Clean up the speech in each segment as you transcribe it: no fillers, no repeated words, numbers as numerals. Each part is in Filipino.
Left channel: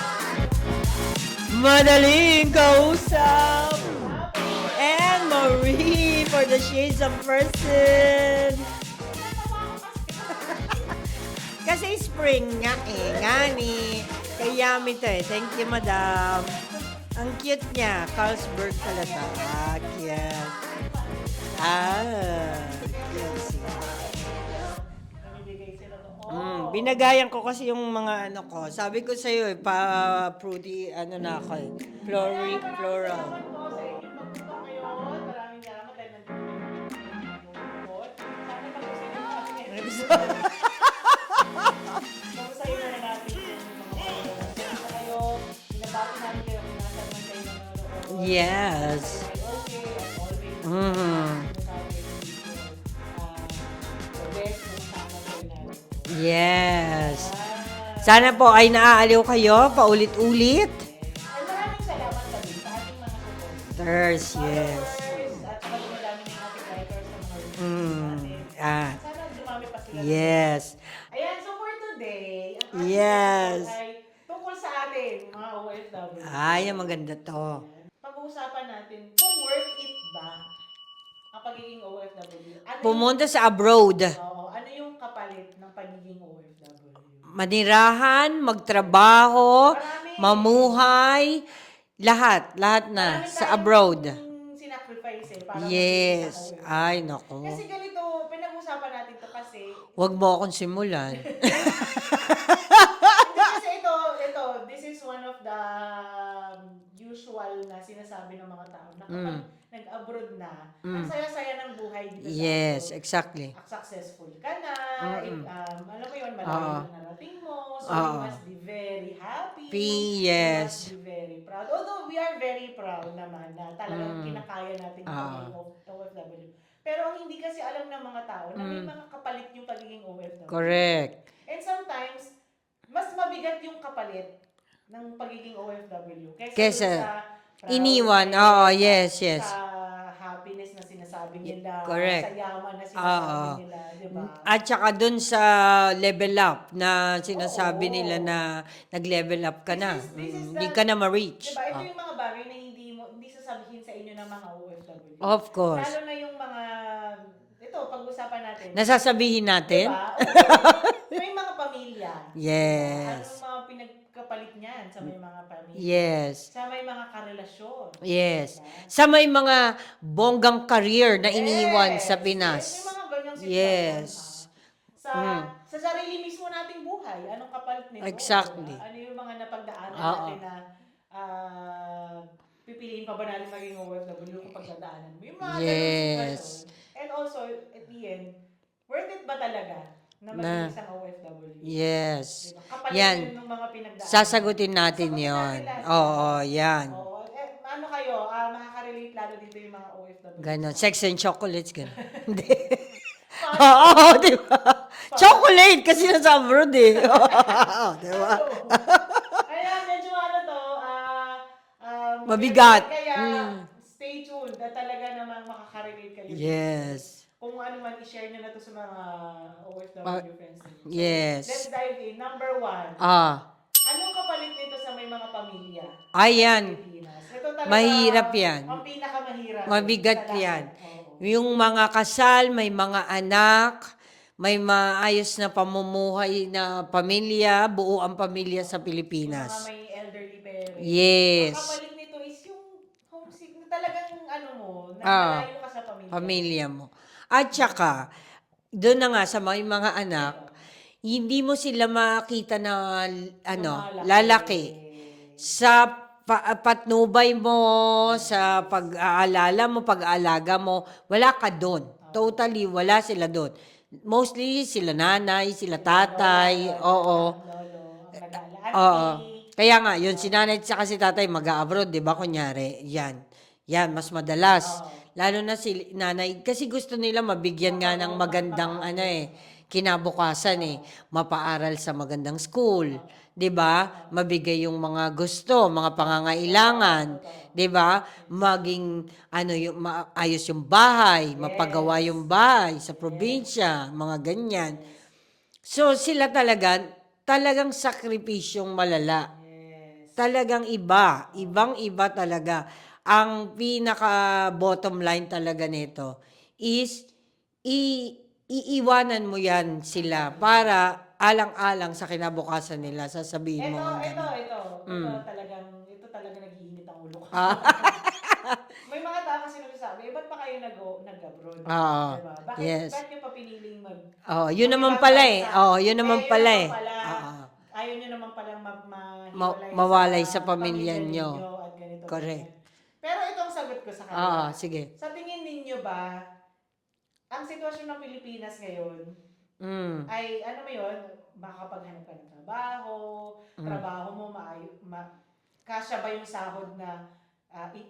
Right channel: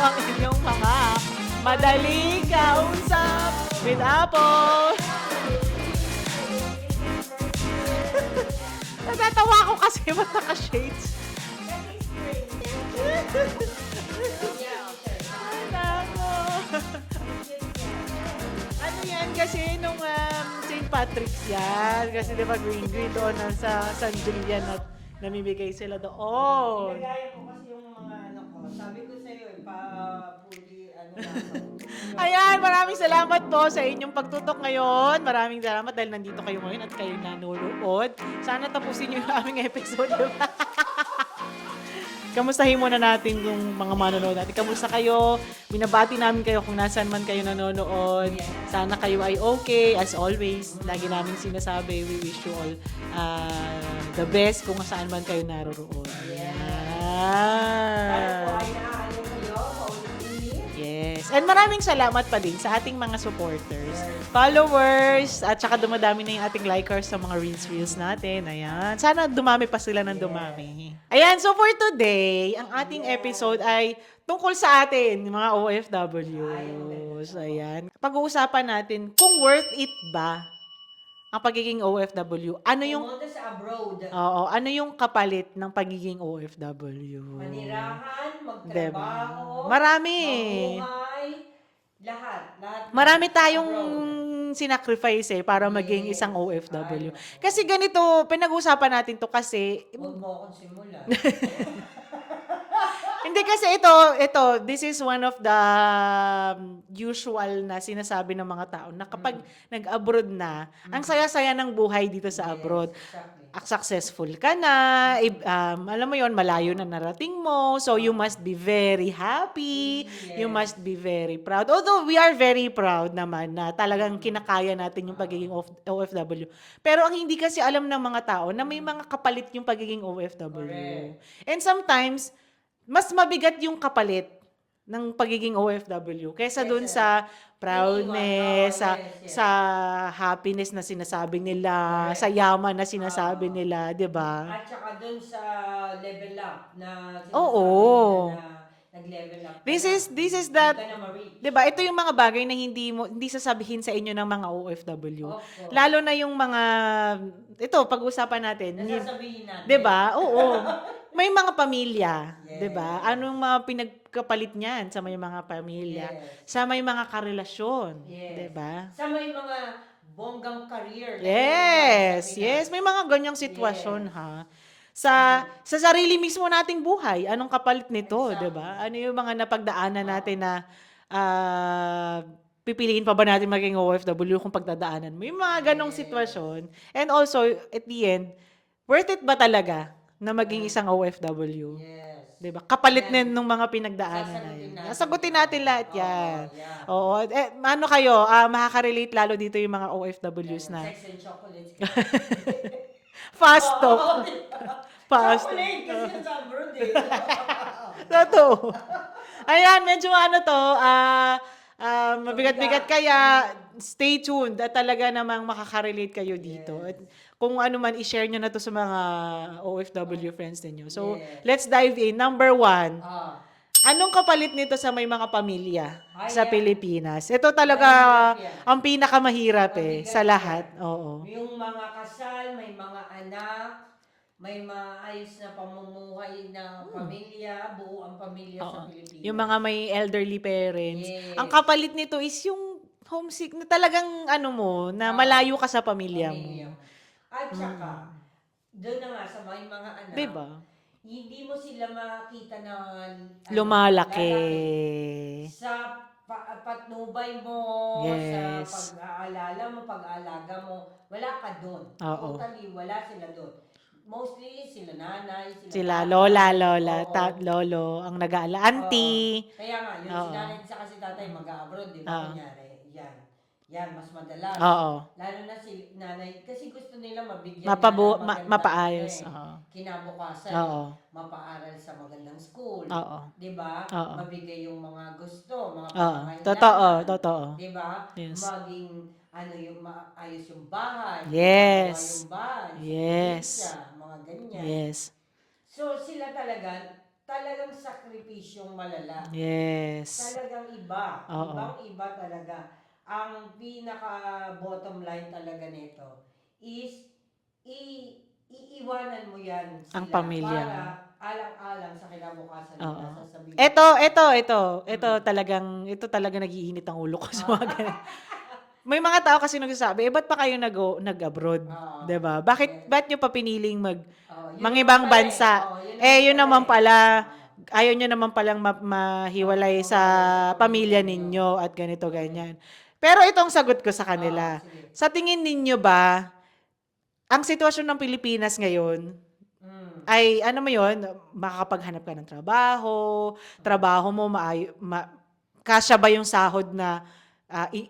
ang inyong mga Madaling kausap with Apple and Marie for the shades of person. Natatawa ko kasi magkaka-shades. Kasi spring nga gani. Kaya ito eh. Thank you, madam. Ang cute niya. Carlsberg pala. Yan, kasi nung St. Patrick's yan. Kasi diba green doon sa Sandrian at namimigay sila doon. Binagayan ko kasi yung mga ano ko. Sabi ko sa'yo Prudy, na ako eh. Ayan, maraming salamat po sa inyong pagtutok ngayon. Maraming salamat dahil nandito kayo ngayon at kayo nanonood. Sana tapusin niyo yung aming episode. Kamustahin muna natin yung mga manonood natin. Kamusta kayo? Binabati namin kayo kung nasaan man kayo nanonood. Yes. Sana kayo ay okay. As always, lagi namin sinasabi, we wish you all the best kung saan man kayo naroon. Yes. Ah. Sana po ay naaaliw kayo paulit-ulit. Yes. And maraming salamat pa din sa ating mga supporters, followers, at saka dumadami na yung ating likers sa mga reels natin. Ayan. Sana dumami pa sila ng dumami. Ayan, so for today, ang ating episode ay tungkol sa atin, yung mga OFW. Ay, maganda to. So, ayan. Pag-uusapan natin kung worth it ba ang pagiging OFW. Pumunta sa abroad. Oo, ano yung kapalit ng pagiging OFW? Manirahan, magtrabaho, Marami. mamuhay, lahat na Marami sa tayong abroad. sinacrifice para maging isang OFW. Ay, naku. Kasi ganito, pinag-usapan natin to kasi, Huwag mo akong simulan. hindi kasi ito, this is one of the usual na sinasabi ng mga tao na kapag nag-abroad na, ang saya-saya ng buhay dito sa abroad. Yes, exactly. Successful ka na, alam mo yon, malayo na narating mo, so you must be very happy, you Yes. must be very proud. Although we are very proud naman na talagang kinakaya natin yung pagiging OFW. Pero ang hindi kasi alam ng mga tao na may mga kapalit yung pagiging OFW. Correct. And sometimes, mas mabigat yung kapalit ng pagiging OFW kaysa dun Kesa sa proudness, iniwan. Yes. sa happiness na sinasabi nila, Correct. sa yaman na sinasabi nila, di ba? At saka dun sa level up na sinasabi nila na nag-level up ka This is Hindi that, ka na ma-reach. di ba? Ito yung mga bagay na hindi sasabihin sa inyo ng mga OFW. Of course. Lalo na yung mga, ito, pag-usapan natin. Nasasabihin natin. Di ba? Oo. May mga pamilya. Yes. Di ba? Anong mga pinagkapalit niyan sa may mga pamilya? Yes. Sa may mga karelasyon. Yes. Diba? Sa may mga bonggang career na iniwan sa Pinas. Yes, may mga ganyang sitwasyon, Yes. ha? Sa sarili mismo nating buhay, anong kapalit nito, Exactly. diba? Ano yung mga napagdaanan natin na pipiliin pa ba natin maging OFW kung pagdadaanan mo? Yung mga ganong sitwasyon. And also, at the end, worth it ba talaga na maging isang OFW? Yes. Diba? Kapalit Yan. din ng mga pinagdaanan. Sasagutin natin Sasagutin yun. natin lahat yan. Oo, yan. Oo. Ano kayo? Makaka-relate lalo dito yung mga OFWs Ganon. na. Sex and chocolates. Ganon. Fast Oo, food. di ba? Chocolate kasi nasa abroad eh. Totoo. Ayan, medyo Mabigat. Kaya stay tuned at talaga namang makaka-relate kayo dito. Yes. Kung ano man, i-share nyo na to sa mga OFW friends ninyo. So, Yes. let's dive in. Number 1. Ah, Anong kapalit nito sa may mga pamilya sa Ayan. Pilipinas? Ito talaga Mahirap yan. ang pinakamahirap Mabigat sa lahat. yan. Oo. Yung mga kasal, may mga anak, may maayos na pamumuhay na pamilya, buo ang pamilya sa Pilipinas. Yung mga may elderly parents. Yes. Ang kapalit nito is yung homesick na talagang na malayo ka sa pamilya. pamilya mo. At saka, doon na nga sa mga anak, Diba? hindi mo sila makita na Lumalaki. lalaki. Sa patnubay mo, Yes. sa pag-aalala mo, pag-aalaga mo, wala ka doon. Oo. Totally, wala sila doon. Mostly, sila nanay, sila Sila tatay. lola, Oo. lolo, ang nag-aala, Oo. auntie. Kaya nga, yun, si nanay at saka si tatay mag-abroad, di ba? Kunyari, yan, mas madalas. Oo. Lalo na si nanay, kasi gusto nila mabigyan nga ng magandang mapaayos. Oo. kinabukasan Oo. mapaaral sa magandang school. Oo. 'Di ba? Oo. Mabigay yung mga gusto, mga pangangailangan. Totoo. 'Di ba? Yes. Maging yung maayos yung bahay, Yes. mapagawa yung bahay sa Yes. probinsya, mga ganyan. Yes. So sila talaga talagang sakripisyong malala. Yes. Talagang iba. Oo. Ibang-iba talaga. Ang pinaka-bottom line talaga nito is iiwanan mo yan sila pamilya. para alang-alang sa kinabukasan nila. Oo. Sasabihin Ito, mo. ito talagang nag-iinit ang ulo ko sa mga ganun. May mga tao kasi nagsasabi, ba't pa kayo nag-abroad? Oo. 'Di ba? Yes. Ba't nyo pa piniling Yun naman ibang pala bansa? yun naman Yun pala naman eh. pala, Oo. ayaw nyo naman palang mahiwalay Mawalay sa sa pamilya pamilya ninyo at ganito, Correct. ganyan. Pero itong sagot ko sa kanila, Sige. sa tingin ninyo ba, ang sitwasyon ng Pilipinas ngayon, ay ano mo yun, makakapaghanap ka ng trabaho mo, kasya ba yung sahod na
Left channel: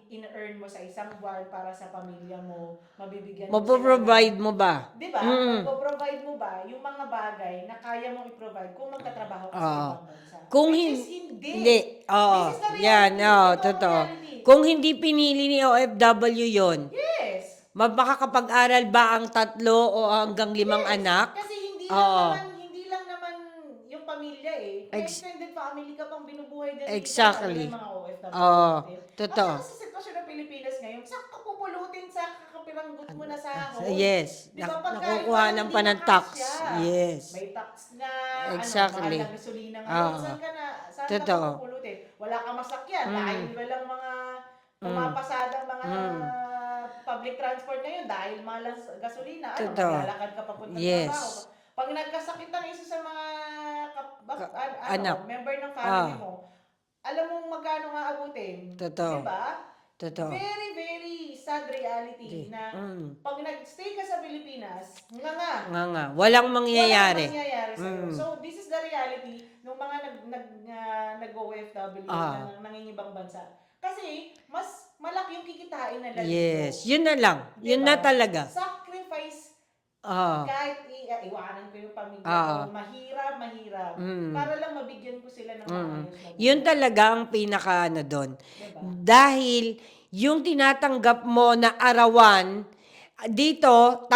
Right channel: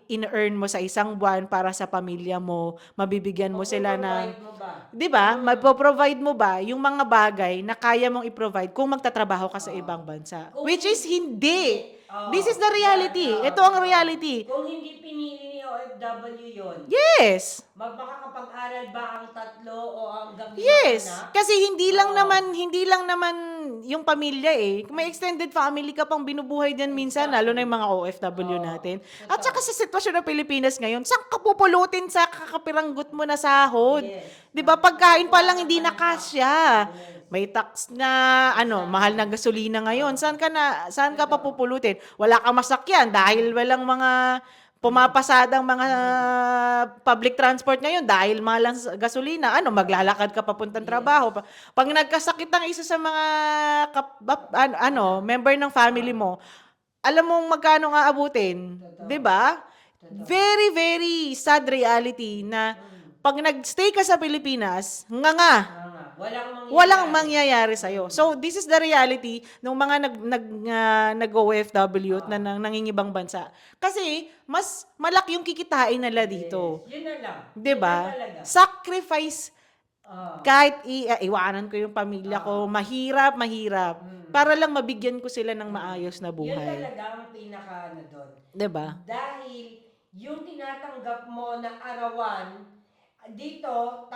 in-earn mo sa isang buwan para sa pamilya mo, mabibigyan mo sila Mapoprovide ng, mo ba? 'di ba? Magpo-provide mo ba yung mga bagay na kaya mong i-provide kung magtatrabaho ka sa Oo. ibang bansa? Kung Which hin- is hindi. Oo. This is the reality. Yan, Ito ang totoo. reality. Kung hindi pinili ni OFW yon, Yes. makakapag-aral ba ang 3 o hanggang 5 Yes. anak? Kasi hindi lang Oo. naman yung pamilya eh. May extended family ka pang binubuhay din minsan, lalo na yung mga OFW natin. At Totoo. saka sa sitwasyon ng Pilipinas ngayon, saan ka pupulutin sa kakapiranggot mo na sahod? Yes. 'Di ba? Pagkain pa lang Nakukuhanan hindi pa na ng tax. kasya. Yes. May tax na Exactly. mahal na gasolina ngayon. Oo. Saan ka pa Totoo. pupulutin? Wala kang masakyan dahil walang mga pumapasadang mga public transport ngayon dahil mahal ang gasolina. Totoo. Maglalakad ka papuntang Yes. trabaho. Pag nagkasakit ang isa sa mga anak. member ng family mo, alam mong magkano nga abutin. Totoo. 'Di ba? Totoo. Very, very sad reality na pag nag-stay ka sa Pilipinas, Nga. Walang mangyayari. walang mangyayari sa'yo. So, this is the reality ng mga nag-OFW na nangingibang bansa. Kasi, mas malaki yung kikitain nila dito. Yes. Yun na lang. Diba? Yun na talaga. Sacrifice, Ah. kahit iwanan ko yung pamilya ko, mahirap. Para lang mabigyan ko sila ng maayos na buhay. Yun talaga ang pinaka doon. Diba? Dahil yung tinatanggap mo na arawan, dito,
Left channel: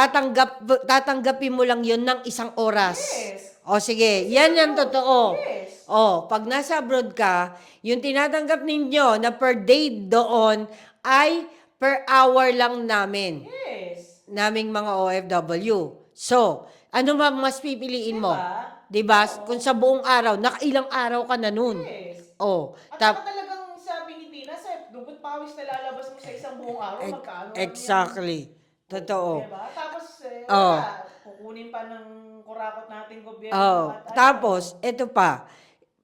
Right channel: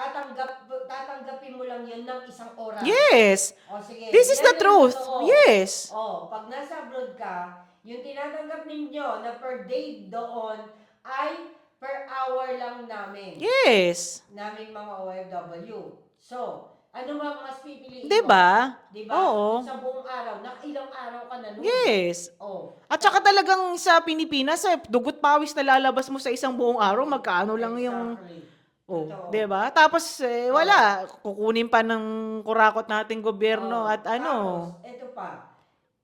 tatanggapin mo lang yun ng 1 oras. Yes. O sige, This is yan the ang truth. totoo. Yes. O, pag nasa abroad ka, yung tinatanggap ninyo na per day doon ay per hour lang namin. Yes. Naming mga OFW. So, ano ba mas pipiliin mo? Diba? Oo. Kung sa buong araw, nakailang araw ka na nun. Yes. Oh. At saka talagang sa Pilipinas, dugot pawis na lalabas mo sa isang buong araw, magkano lang yung... Exactly. Totoo. Diba? Tapos, wala. Kukunin pa ng kurakot nating gobyerno at ano. Tapos, eto pa.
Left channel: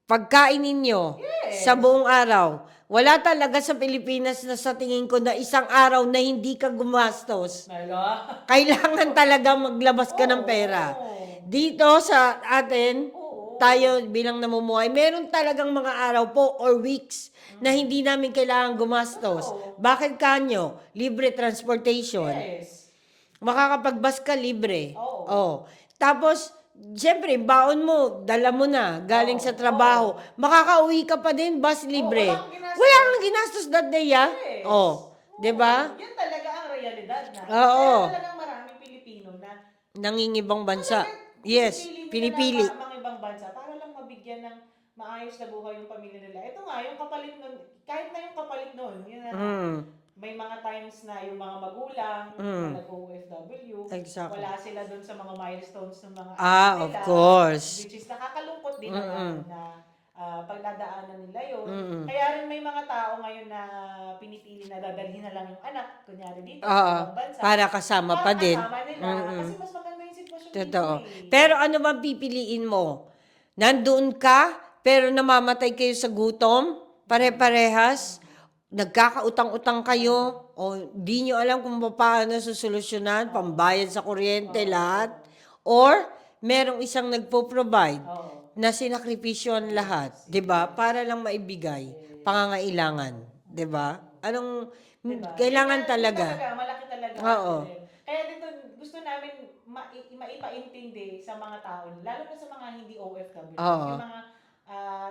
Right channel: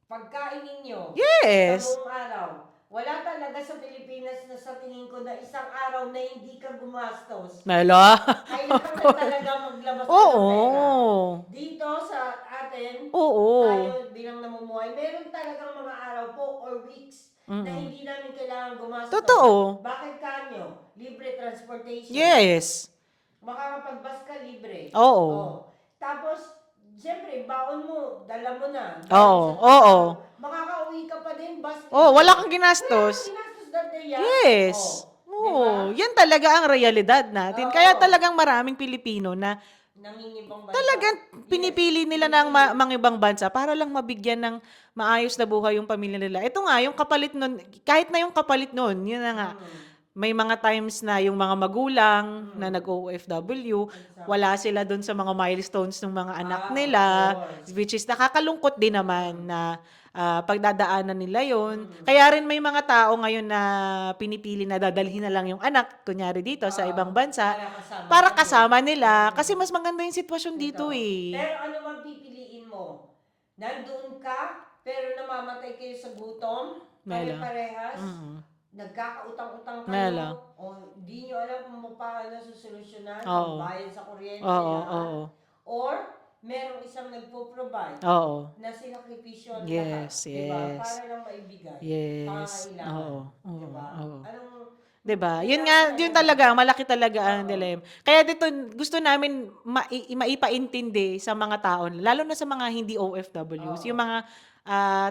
Pagkain ninyo Yes. sa buong araw, wala talaga sa Pilipinas na sa tingin ko na isang araw na hindi ka gumastos. Melo. Kailangan talaga maglabas ka ng pera. Oo. Dito sa atin, Oo. tayo bilang namumuhay, meron talagang mga araw po or weeks na hindi namin kailangan gumastos. Totoo. Bakit kanyo? Libre transportation. Yes. Makakapagbas ka libre. Oo. Tapos, siyempre, baon mo, dala mo na, galing Oo. sa trabaho. Makakauwi ka pa din, bus libre. Wala kang ginastos. Wala kang ginastos that day, Yes. Diba? Yan talaga ang realidad natin. Oo. Kaya talagang maraming Pilipino na Nangingibang bansa. talagang Yes, pinipili nila ng mga ibang bansa para lang mabigyan ng maayos na buhay yung pamilya nila. Ito nga, yung kapalit nun, kahit na yung kapalit nun, yun na nga, may mga times na yung mga magulang na nag-OFW, Exactly. wala sila doon sa mga milestones ng mga anak nila. Of course. Which is nakakalungkot din naman na pagdadaanan nila yon. Kaya rin may mga tao ngayon na pinipili na dadalhin na lang yung anak, kunyari dito sa ibang bansa. Para kasama Para pa din. kasama nila. Kasi mas maganda yung sitwasyon dito Totoo. eh. Pero ano bang pipiliin mo? Nandoon ka, pero namamatay kayo sa gutom? Pare-parehas? Nagkakautang-utang kayo? O di nyo alam kung paano susolusyonan? Pambayad sa kuryente, lahat? Or merong isang nagpo-provide na sinakripisyo ang lahat, 'di ba? Para lang maibigay pangangailangan, 'di ba? Anong 'di ba? kailangan Yun talaga, malaki talaga ang Oo. dilemma. Kaya dito gusto namin maipaintindi sa mga tao, lalo na sa mga hindi OFWs, yung mga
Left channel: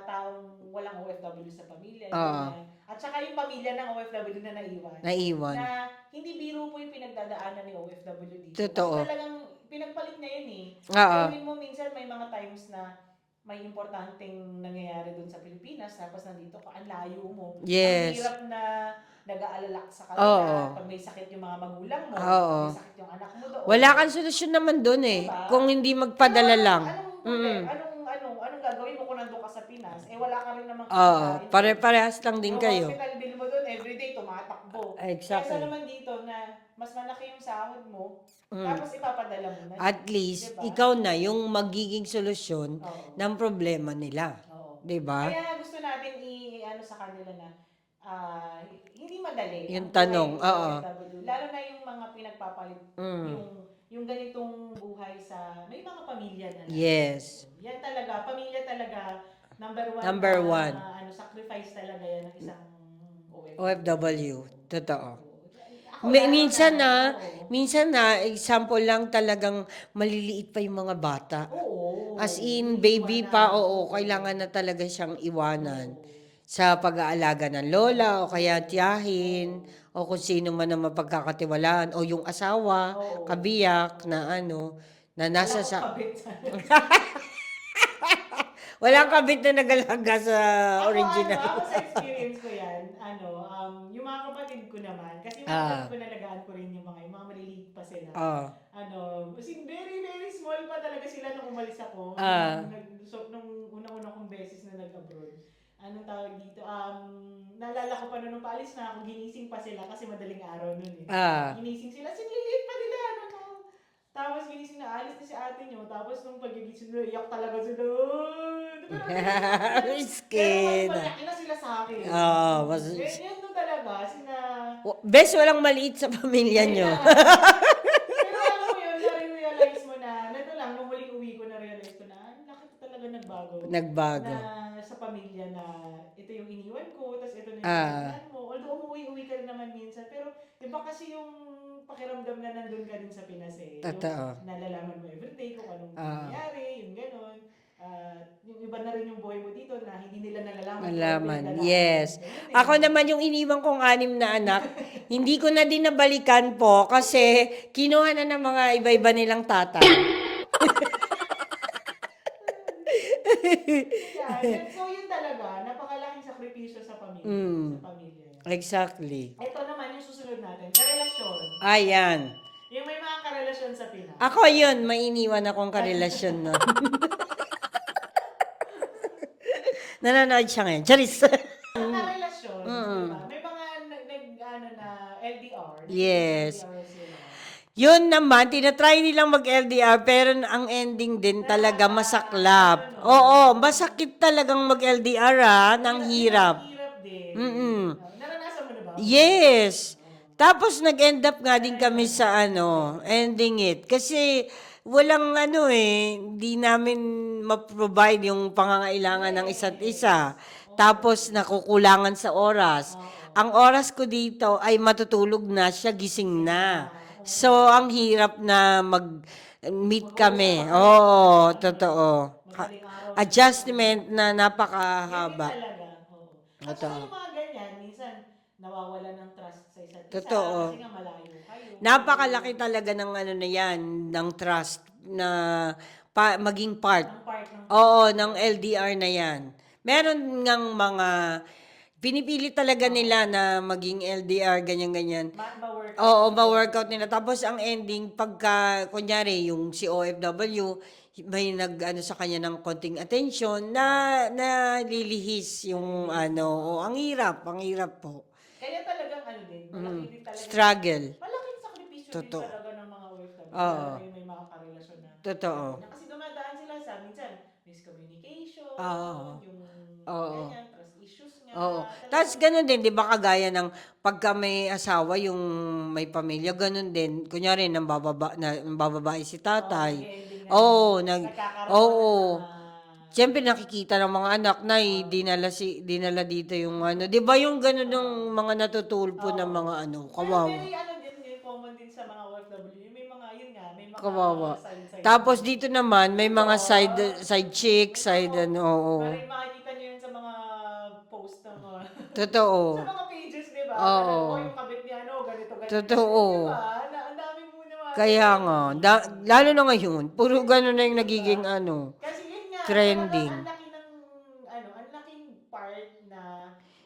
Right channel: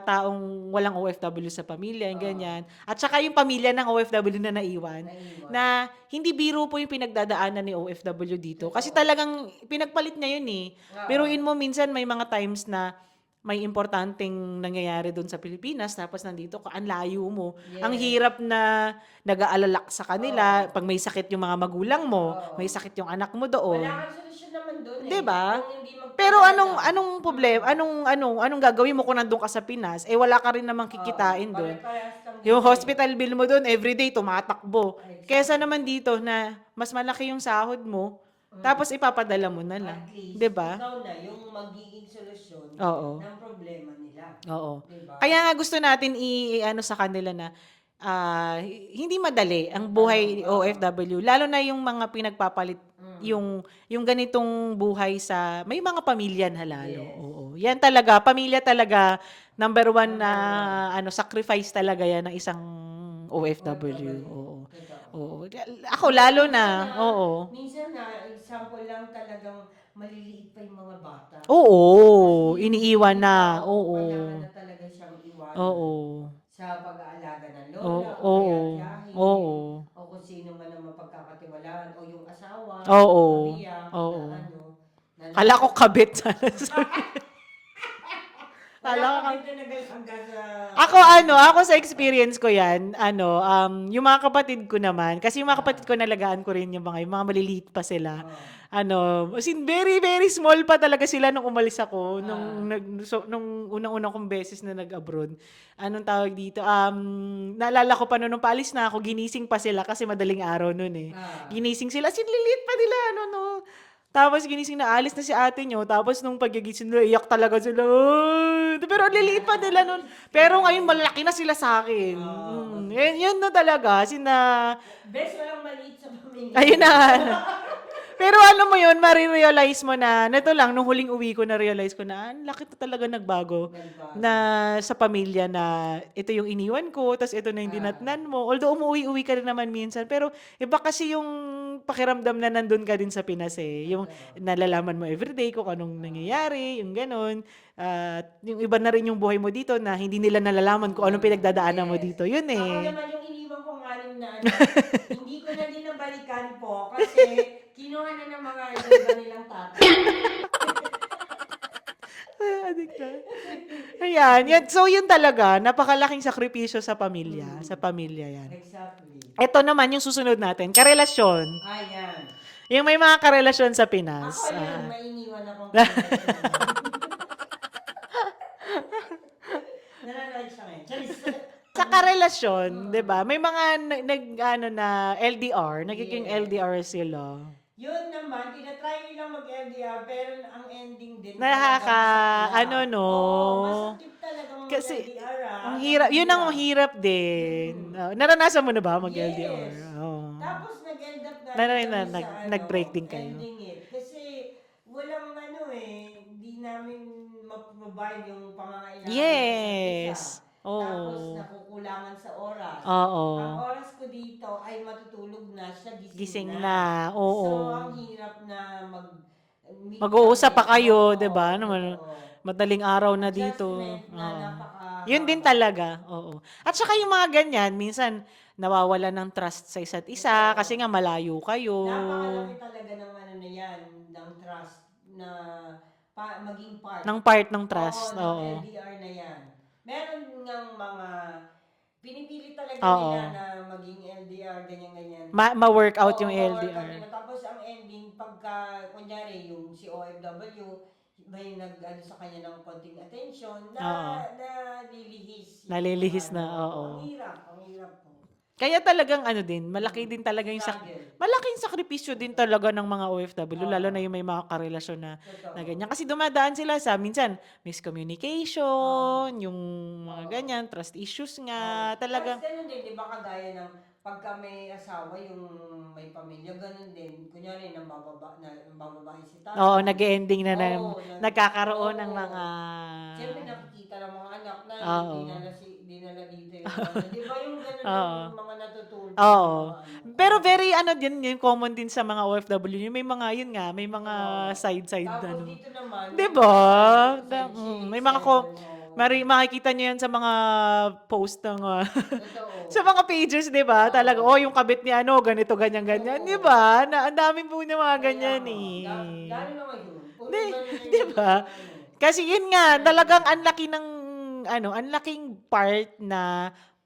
taong walang OFW sa pamilya, ganyan. At saka yung pamilya ng OFW na naiwan. Na hindi biro po yung pinagdadaanan ni OFW dito. Totoo. Kasi talagang pinagpalit niya yun eh. Biruin mo minsan may mga times na may importanteng nangyayari doon sa Pilipinas, tapos nandito ka, ang layo mo. Yes. Ang hirap na nag-aalala sa kanila. Oo. Pag may sakit yung mga magulang mo, Oo. may sakit yung anak mo doon. Wala kang solusyon naman doon eh. Diba? Kung hindi Pero magpadala lang. anong problema? Anong gagawin mo kung nandun ka sa Pinas? Eh wala ka rin namang kikitain doon. Pare-parehas lang din Yung kayo. hospital bill mo doon, everyday tumatakbo. Exactly. Kesa naman dito na mas malaki yung sahod mo, tapos ipapadala mo na lang. At least, Diba? ikaw na yung magiging solusyon Oo. ng problema nila. Oo. Diba? Kaya nga gusto natin i-ano sa kanila na hindi madali ang Yung buhay tanong, oo. OFW. Lalo na yung mga pinagpapalit, yung ganitong buhay sa, may mga pamilya na lalo. Yes. Oo. Yan talaga, pamilya talaga, number one Number na sacrifice talaga yan ng isang OFW. OFW. Oo. Totoo. Oo. Ako lalo minsan oo. Minsan na, example lang talagang maliliit pa yung mga bata. Oo. As in, iniiwan baby na. pa, kailangan na talaga siyang iwanan. Oo. Sa pag-aalaga ng lola, o kaya tiyahin, Oo. o kung sino man ang mapagkakatiwalaan, o yung asawa, Oo. kabiyak, Oo. na Kala ko nasa kabit sana. Walang kabit na nagalaga sa Ako sa experience ko yan, yung mga kapatid ko naman, kasi yung mga kapatid ko nalagaan ko rin yung mga maliliit pa sila. As in, very, very small pa talaga sila nung umalis ako, nung unang-unang kong beses na nag-abroad. Anong tawag dito? Naalala ko pa nung paalis na ako, ginising pa sila kasi madaling araw nun eh. Ginising sila, as in, liliit pa nila, Tapos ginising na, alis na si ate nyo. Tapos nung pagigising nila, iyak talaga sila. Pero ang liliit pa nila nun. Pero ngayon, malaki na sila sa akin. Yun na talaga. Best walang maliit sa pamilya Ayun niyo. na. Pero alam mo yun, marirealize mo na, neto lang, nung huling uwi ko, na-realize ko na, laki na talaga nagbago. Na sa pamilya na, ito yung iniwan ko, tapos ito na yung ginatnan mo. Although umuwi-uwi ka rin naman minsan, pero iba kasi yung pakiramdam na nandun ka din sa Pinas eh. Yung nalalaman mo everyday kung anong nangyayari, yung ganun. Yung iba na rin yung buhay mo dito na hindi nila nalalaman kung anong pinagdadaanan mo dito. Yun eh. Ako naman yung iniwan kong 6 na anak, hindi ko na din nabalikan po kasi kinuha na ng mga iba-iba nilang tatay. Ayan. So yun talaga, napakalaking sakripisyo sa pamilya. Sa pamilya yan. Exactly. Ito naman yung susunod natin, karelasyon. Ayan. Yung may mga karelasyon sa Pinas. Ako yun, may iniwan akong karelasyon nun. Nanonood siya ngayon. Charis! Sa karelasyon, 'di ba? May mga na LDR, nagiging LDR sila. Yun naman, tinatry nilang mag-LDR pero ang ending din talaga masaklap. Oo, masakit talagang mag-LDR Yun ang hirap din. Naranasan mo na ba mag-LDR? Yes. Tapos nag-end up nga din kami sa ending it. Kasi walang hindi namin ma-provide yung pangangailangan ng isa't isa. Tapos nakukulangan sa oras. Ang oras ko dito ay matutulog na siya, gising na. So, ang hirap na mag-meet kami. Mag-uusap pa kayo, di ba? Totoo. Madaling araw na Adjustment dito. na napakahaba. Yun din talaga. Oo. At saka yung mga ganyan, minsan, nawawala ng trust sa isa't isa kasi nga malayo kayo. Napakalaki talaga ng na yan, ng trust na maging part. Ng part ng trust. ng LDR na yan. Meron ngang mga pinipili talaga nila na maging LDR, ganyan-ganyan. Ma-workout yung ma-workout LDR. nila. Tapos ang ending, pagka, kunyari, yung si OFW, may sa kanya ng konting attention na lilihis yung ang hirap po. Kaya talagang malaki din talaga struggle. Malaking sakripisyo din talaga ng mga OFW, lalo na yung may mga karelasyon na ganyan. Kasi dumadaan sila sa minsan miscommunication, yung ganyan, trust issues nga. Tapos ganun din, di ba kagaya ng pagka may asawa, yung may pamilya, ganun din. Kunyari, nang bababae si tatay. Oo, nag-ending na nagkakaroon ng mga... Siyempre nakikita ng mga anak na dinala dito yung di ba yung ganun ng mga natutulpo ng mga Pero very din yung common din sa mga OFW, may mga may mga side Tapos dito naman may diba? mga side chicks, may mga makikita niyo yan sa mga post ng totoo. sa mga pages, 'di ba? Talaga yung kabit ni ganito ganyan, 'di ba? Na ang dami po ng mga kaya ganyan. nga, lalo na ngayon, puro ganun na yung nagiging Kasi yun nga, talagang din. ang laki ng, ang laking part na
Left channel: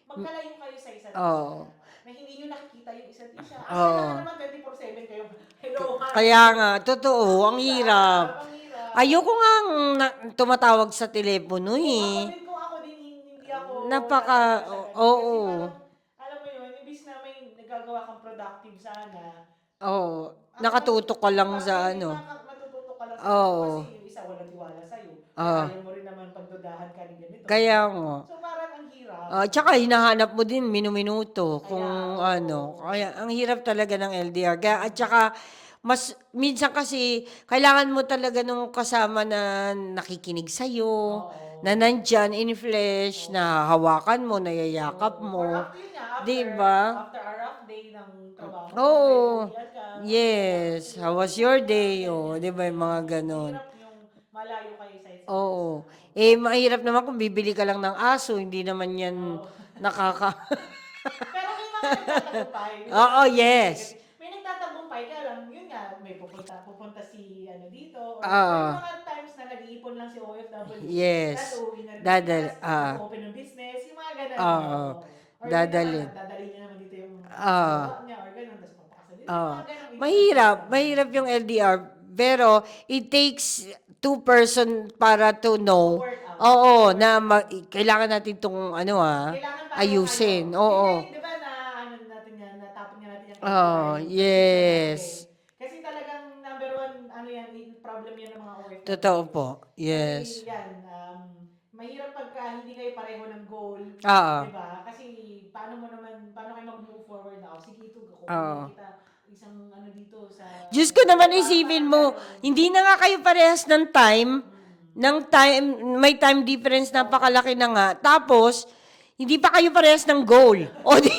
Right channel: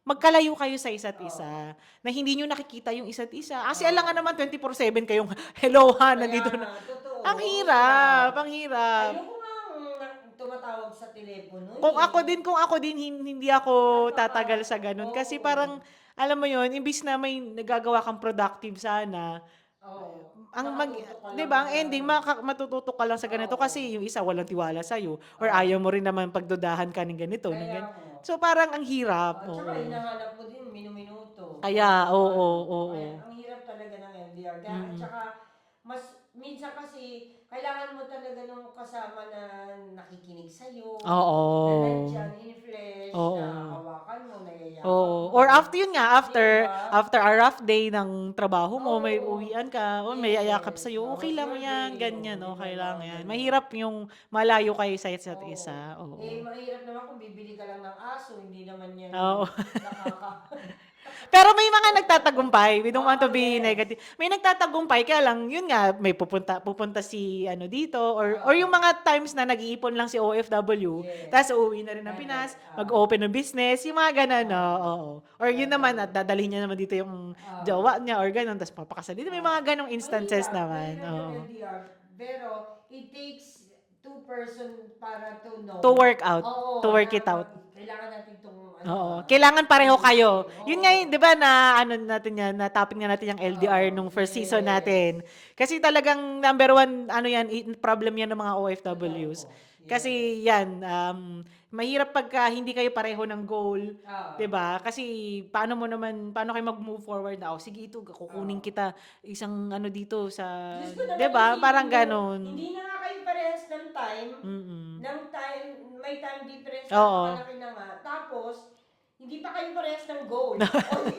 magkalayo kayo sa isa't isa. Oo. Na hindi nyo nakikita yung isa't isa. Kasi Oo. alam nga naman 24/7 kayong hellohan. Kaya nga, totoo, ang hirap. Ang hirap. Ayoko ngang tumatawag sa telepono Kung ako din, hindi ako tatagal sa ganun. Kasi oo. parang, alam mo yun, imbis na may nagagawa kang productive sana, Oo, ang nakatutok ka lang diba, ang sa ending, ano. matututok ka lang sa ganito Oo. kasi yung isa walang tiwala sa'yo or Oo. ayaw mo rin naman pagdudahan ka ng ganito. Kaya Diba? nga. So, parang ang hirap. Tsaka Oo. hinahanap mo din minuminuto Kaya, kung ano. oo. Kaya ang hirap talaga ng LDR. Kaya, at saka, mas minsan kasi kailangan mo talaga nung kasama na nakikinig sa'yo, Oo. na nandyan in flesh, na Oo. hawakan mo, nayayakap Oo. mo. Or after yun nga, Diba? after a rough day ng trabaho mo, may Oo. uwian ka, o may yayakap Yes. sa'yo, How okay was lang your yan, day? ganyan, Di ba okay yung lang mga yan. ganon? Mahirap yung malayo kayo sa isa't isa. Oo. Oo. Mahirap naman kung bibili ka lang ng aso, hindi naman yan Oo. nakaka... Pero may mga nagtatagumpay. We don't want Oo, to be yes. negative. May nagtatagumpay, kaya lang, yun nga, may pupunta si dito, or yung Oo. mga times na nag-iipon lang si OFW, Yes. tapos uuwi na rin ng Pinas, mag-open ng business, yung mga ganun. Oo. Oo. Or yun naman, Dadali. at dadalhin niya naman dito yung Oo. jowa niya, or ganun, tapos papakasal dito. May mga ganong instances Mahirap. naman. Mahirap yung Oo. LDR. Pero, it takes two person para to know. To work out. Oo, To work na it out. kailangan natin itong Oo. Kailangan pareho kayo. ayusin. Oo. Yun nga yun, di ba, na natin yan, na topic nga natin yung LDR nung first season natin. Yes. Kasi talagang number one, problem yan ng mga Totoo OFWs. po. Kasi Yes. yan, mahirap pagka hindi kayo pareho ng goal. Oo. Di ba? Kasi paano kayo mag-move forward na, sige ito, kukunin Oo. kita isang dito sa... Diyos ko naman, Diba? isipin Parang mo, ganon. hindi na nga kayo parehas ng time, may time difference, Oo. napakalaki na nga. Tapos, hindi pa kayo parehas ng goal. O di,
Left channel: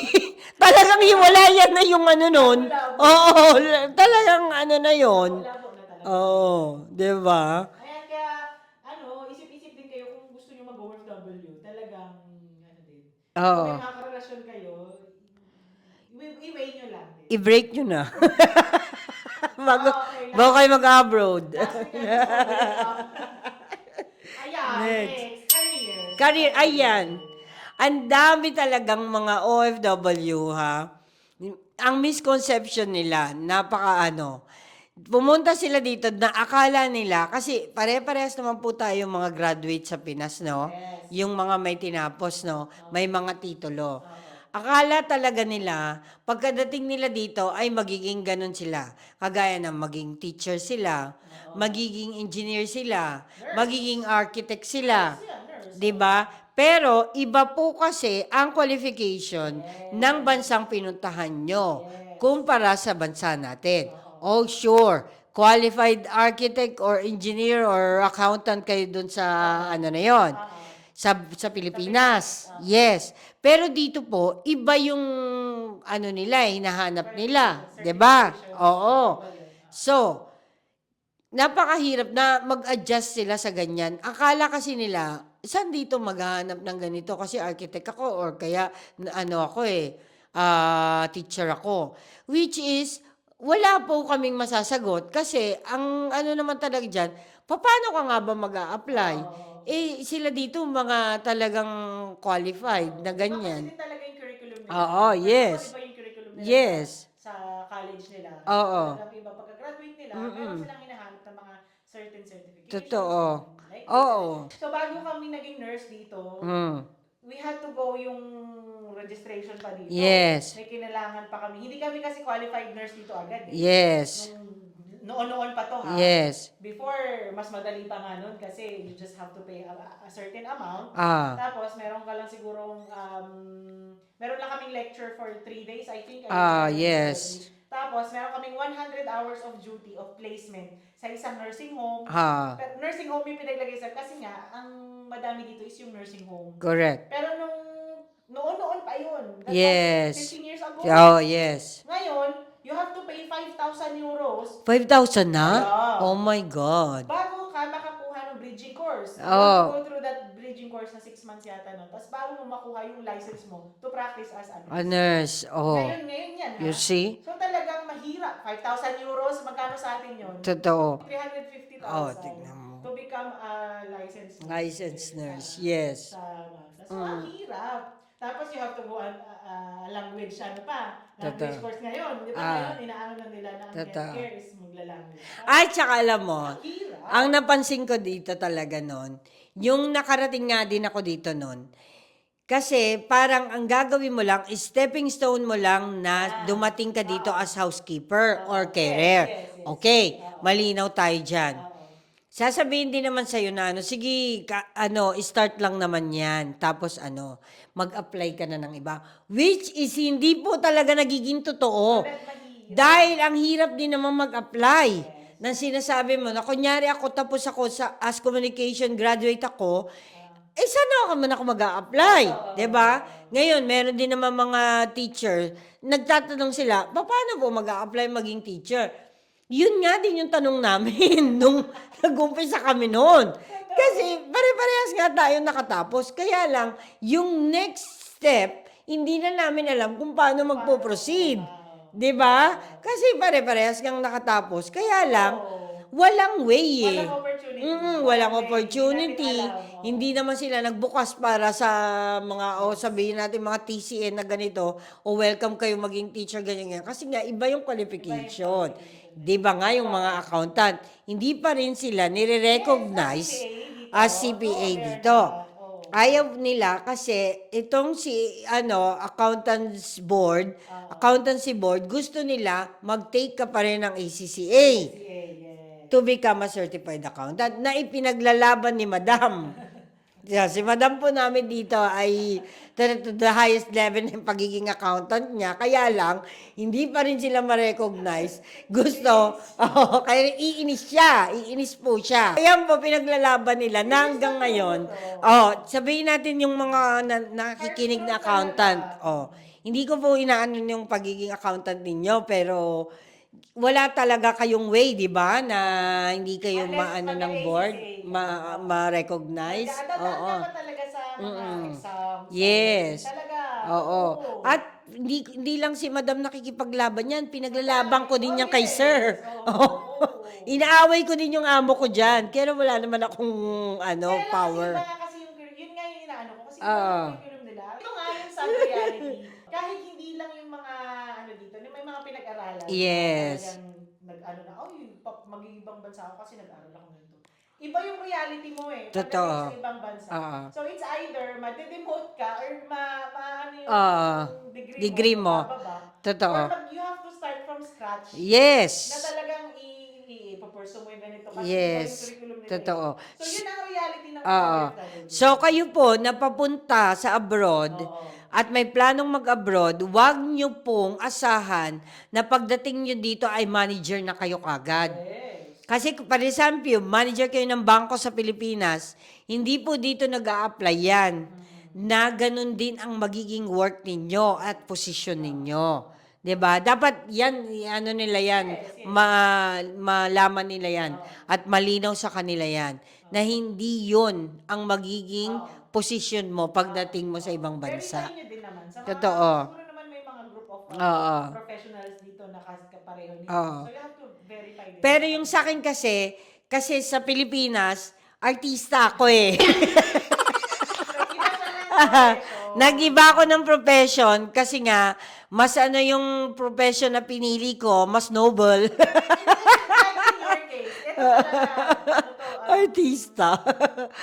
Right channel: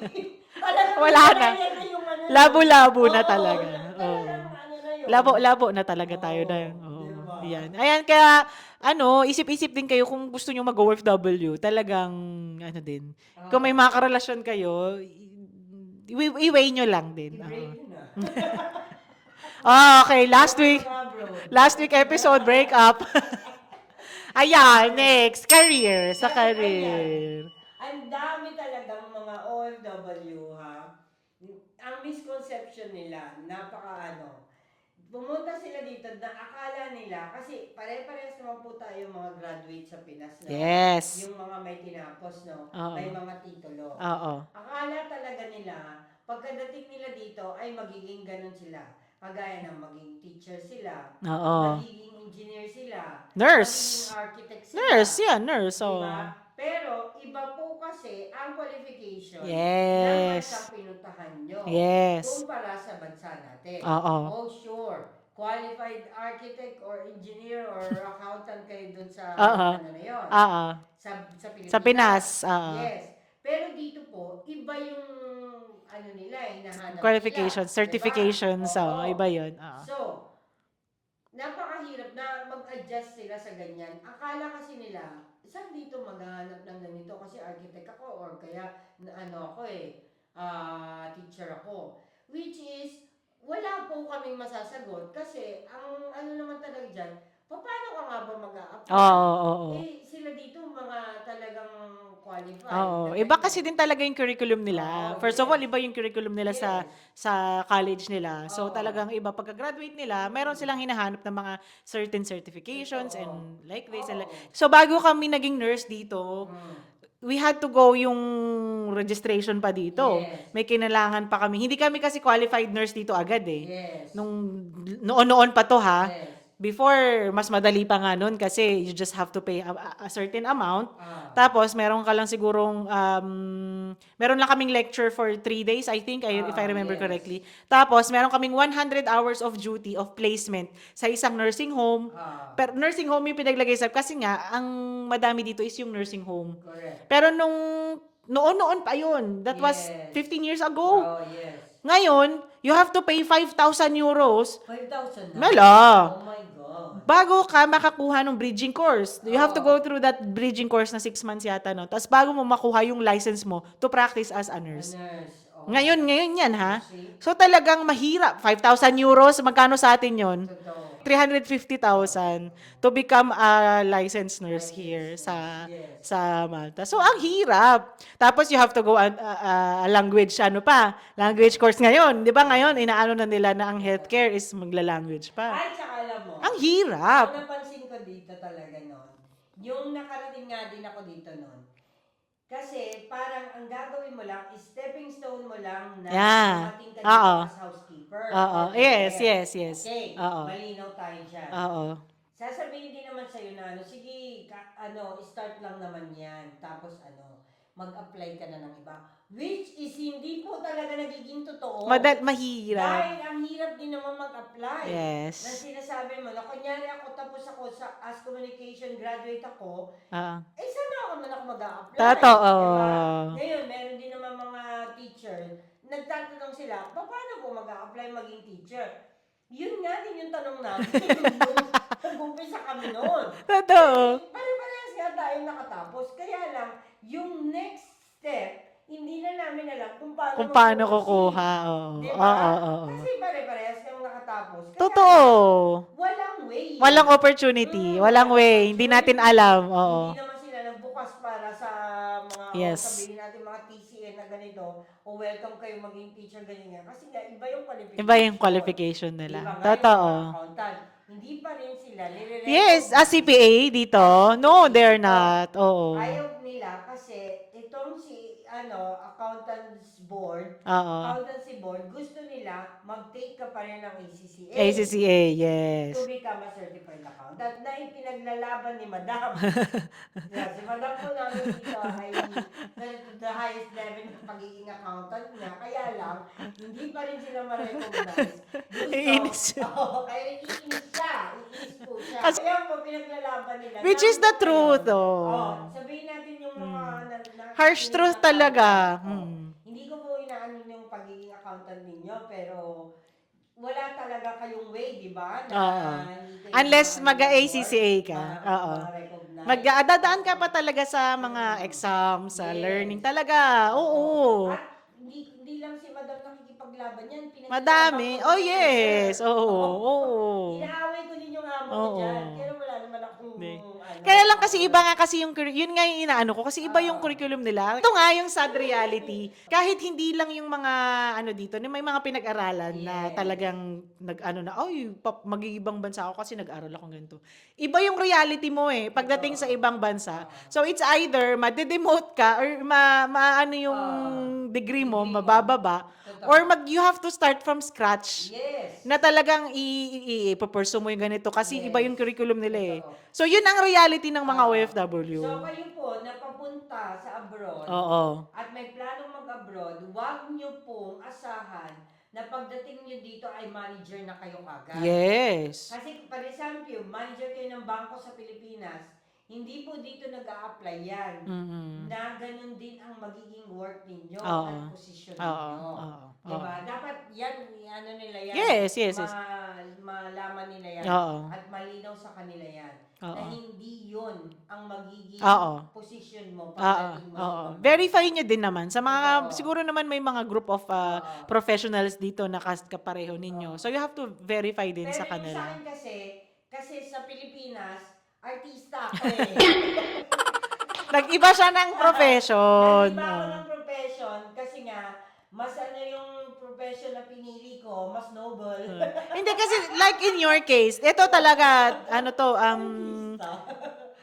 talagang Wala hiwalayan na yung nun. Labo-labo na Oo, talaga. talagang na yun. Labo na talaga tayo Oo, na. diba? Ayan, kaya, isip-isip din kayo kung gusto nyo mag-OFW, talagang, din. Kung may mga karelasyon kayo, i-weigh nyo lang din. I-break nyo na. Okay, Bago kayo mag-abroad. last week episode, break up. Ayan, next, career. Sa Career, ayan. Ang dami talagang mga OFW, ha? Ang misconception nila, pumunta sila dito na akala nila, kasi pare-parehas naman po tayo mga graduate sa Pinas, no? Yes. Yung mga may tinapos, no? Oo. May mga titulo. Oo. Akala talaga nila, pagkadating nila dito, ay magiging ganun sila. Kagaya ng maging teacher sila, Oo. magiging engineer sila, Nurse. magiging architect sila. Nurse, yan, nurse. Diba? Pero, iba po kasi ang qualification Yes. ng bansang pinuntahan nyo Yes. kumpara sa bansa natin. Oo. Oh, sure. Qualified architect or engineer or accountant kayo dun sa na yon. Sa Pilipinas. Sa Pinas. Yes. Pero dito po, iba yung nila, hinahanap nila. Certifications. Diba? Oo. Iba yun. Oo. So, napakahirap na mag-adjust sila sa ganyan. Akala kasi nila, saan dito maghahanap ng ganito? Kasi architect ako or kaya teacher ako. Which is, wala po kaming masasagot kasi ang naman talaga dyan, paano ka nga ba mag-a-apply? Oo. Sila dito mga talagang qualified na ganyan. Iba kasi din talaga yung curriculum nila. Oo, First of yes. all, iba yung curriculum nila Yes. sa college nila. So, Oo. talagang iba. Pagka-graduate nila, meron silang hinahanap ng mga certain certifications. Totoo. And like this. Oo. So, bago kami naging nurse dito, we had to go yung registration pa dito. Yes. May kinailangan pa kami. Hindi kami kasi qualified nurse dito agad eh. Yes. Noon pa to ha. Yes. Before, mas madali pa nga nun kasi you just have to pay a certain amount. Tapos, meron ka lang sigurong, meron lang kaming lecture for 3 days, I think, if I remember yes. correctly. Tapos, meron kaming 100 hours of duty of placement sa isang nursing home. Pero nursing home yung pinaglagay sa, kasi nga, ang madami dito is yung nursing home. Correct. Pero noon pa yun. That Yes. was 15 years ago. Oh, yes. Ngayon, you have to pay 5,000 euros 5,000 na? Wala. Oh my God. bago ka makakuha ng bridging course. You have to go through that bridging course na 6 months yata, no? Tapos bago mo makuha yung license mo to practice as a A nurse. nurse. Oh. Ngayon yan, ha? You see? So talagang mahirap. 5,000 euros, magkano sa atin yon? Totoo. 350,000 to become a licensed nurse Licensed here nurse, yes. sa Malta. So, ang hirap. Tapos, you have to go language, language course ngayon. Di ba ngayon, inaano na nila na ang Totoo. healthcare is magla-language pa. Ay, tsaka alam mo, Ang hirap. ang napansin ko dito talaga nun, yung nakarating nga din ako dito nun, kasi parang ang gagawin mo lang, stepping stone mo lang na Yeah. dumating ka dito Oo. as housekeeper Oo. or carer. Yes. Okay, Oo. malinaw tayo dyan. Oo. Sasabihin din naman sa'yo na sige, start lang naman yan. Tapos mag-apply ka na ng iba. Which is hindi po talaga nagiging totoo. Mahirap. Dahil ang hirap din naman mag-apply. Yes. Na sinasabi mo, na kunyari tapos ako sa as communication graduate ako, sana ako man ako mag-a-apply. Totoo. Diba? Ngayon, meron din naman mga teacher, nagtatanong sila, paano po mag-a-apply maging teacher? Yun nga din yung tanong namin nung nag-umpisa kami noon. Totoo. Kasi pare-parehas nga tayo nakatapos. Kaya lang, yung next step, hindi na namin alam kung paano mag-proceed. Di ba? Kasi pare-parehas kang nakatapos. Kaya lang, walang way. Walang opportunity. Walang way. Hindi natin alam. Hindi naman sila nagbukas para sa mga, Yes. sabihin natin, mga TCN na ganito, o welcome kayo maging teacher, ganyan. Kasi nga, iba yung qualification. Iba yung qualification nila. Di ba nga yung Totoo. mga accountant, hindi pa rin sila nire-recognize. Yes, as CPA dito. As CPA No, they're dito. not. Oo. Ayaw nila kasi itong accountancy board, gusto nila mag-take ka pa rin ng ACCA. ACCA, yes. To become a certified accountant na ipinaglalaban ni Madam. Yeah, si Madam po namin dito ay to the highest level ng pagiging accountant niya. Kaya lang, hindi pa rin sila ma-recognize. Gusto. Kaya iinis siya. Iinis po siya. Kaya po, pinaglalaban nila. Which is the Hanggang truth, ngayon. Sabihin natin yung mga Harsh nakikinig truth na talaga. accountant. Hindi ko po inaano yung pagiging accountant ninyo, pero wala talaga kayong way, di ba? Na hindi kayo Unless mag-ACCA ka. ma-recognize. Dadaan ka pa talaga sa mga exams, sa learning. Yes. Talaga, oo. At hindi lang si Madam nakikipaglaban yan, pinaglalaban ko din Oh, yan kay Sir. yes. Oo. Inaaway ko din yung amo ko dyan. Kaya wala naman akong Kaya lang kasi power. iba nga kasi yun nga yung inaano ko kasi iba yung curriculum nila. Ito nga yung sad reality. Kahit hindi lang yung mga dito, may mga pinag-aralan Yes. na talagang mag-iibang bansa ako kasi nag-aral ako ganito. Iba yung reality mo pagdating sa ibang bansa. So it's either ma-demote ka or yung degree mo, mabababa. Totoo. Or you have to start from scratch. Yes. Na talagang i-pursue mo yung ganito kasi Yes. iba yung curriculum nila Totoo. So, yun ang reality ng mga OFW. So, kayo po, napapunta sa abroad at may planong mag-abroad, huwag nyo pong asahan na pagdating nyo dito ay manager na kayo kagad. Yes. Kasi, for example, manager kayo ng bangko sa Pilipinas, hindi po dito nag-a-apply yan. Na ganun din ang magiging work ninyo at position ninyo. Diba? Dapat yan, nila yan. Yes. Malaman nila yan. At malinaw sa kanila yan. Na hindi yun ang magiging position mo pagdating mo sa ibang bansa. Verify nyo din naman. Sa mga, Totoo. siguro naman may mga group of professionals dito na kapareho ninyo. So, you have to verify din Pero sa yung kanila. sa akin kasi sa Pilipinas, artista ako Nag-iba siya ng profession. Nag-iba ako ng profession kasi nga, mas yung profession na pinili ko, mas noble. Hindi kasi, like in your case, ito talaga, Artista.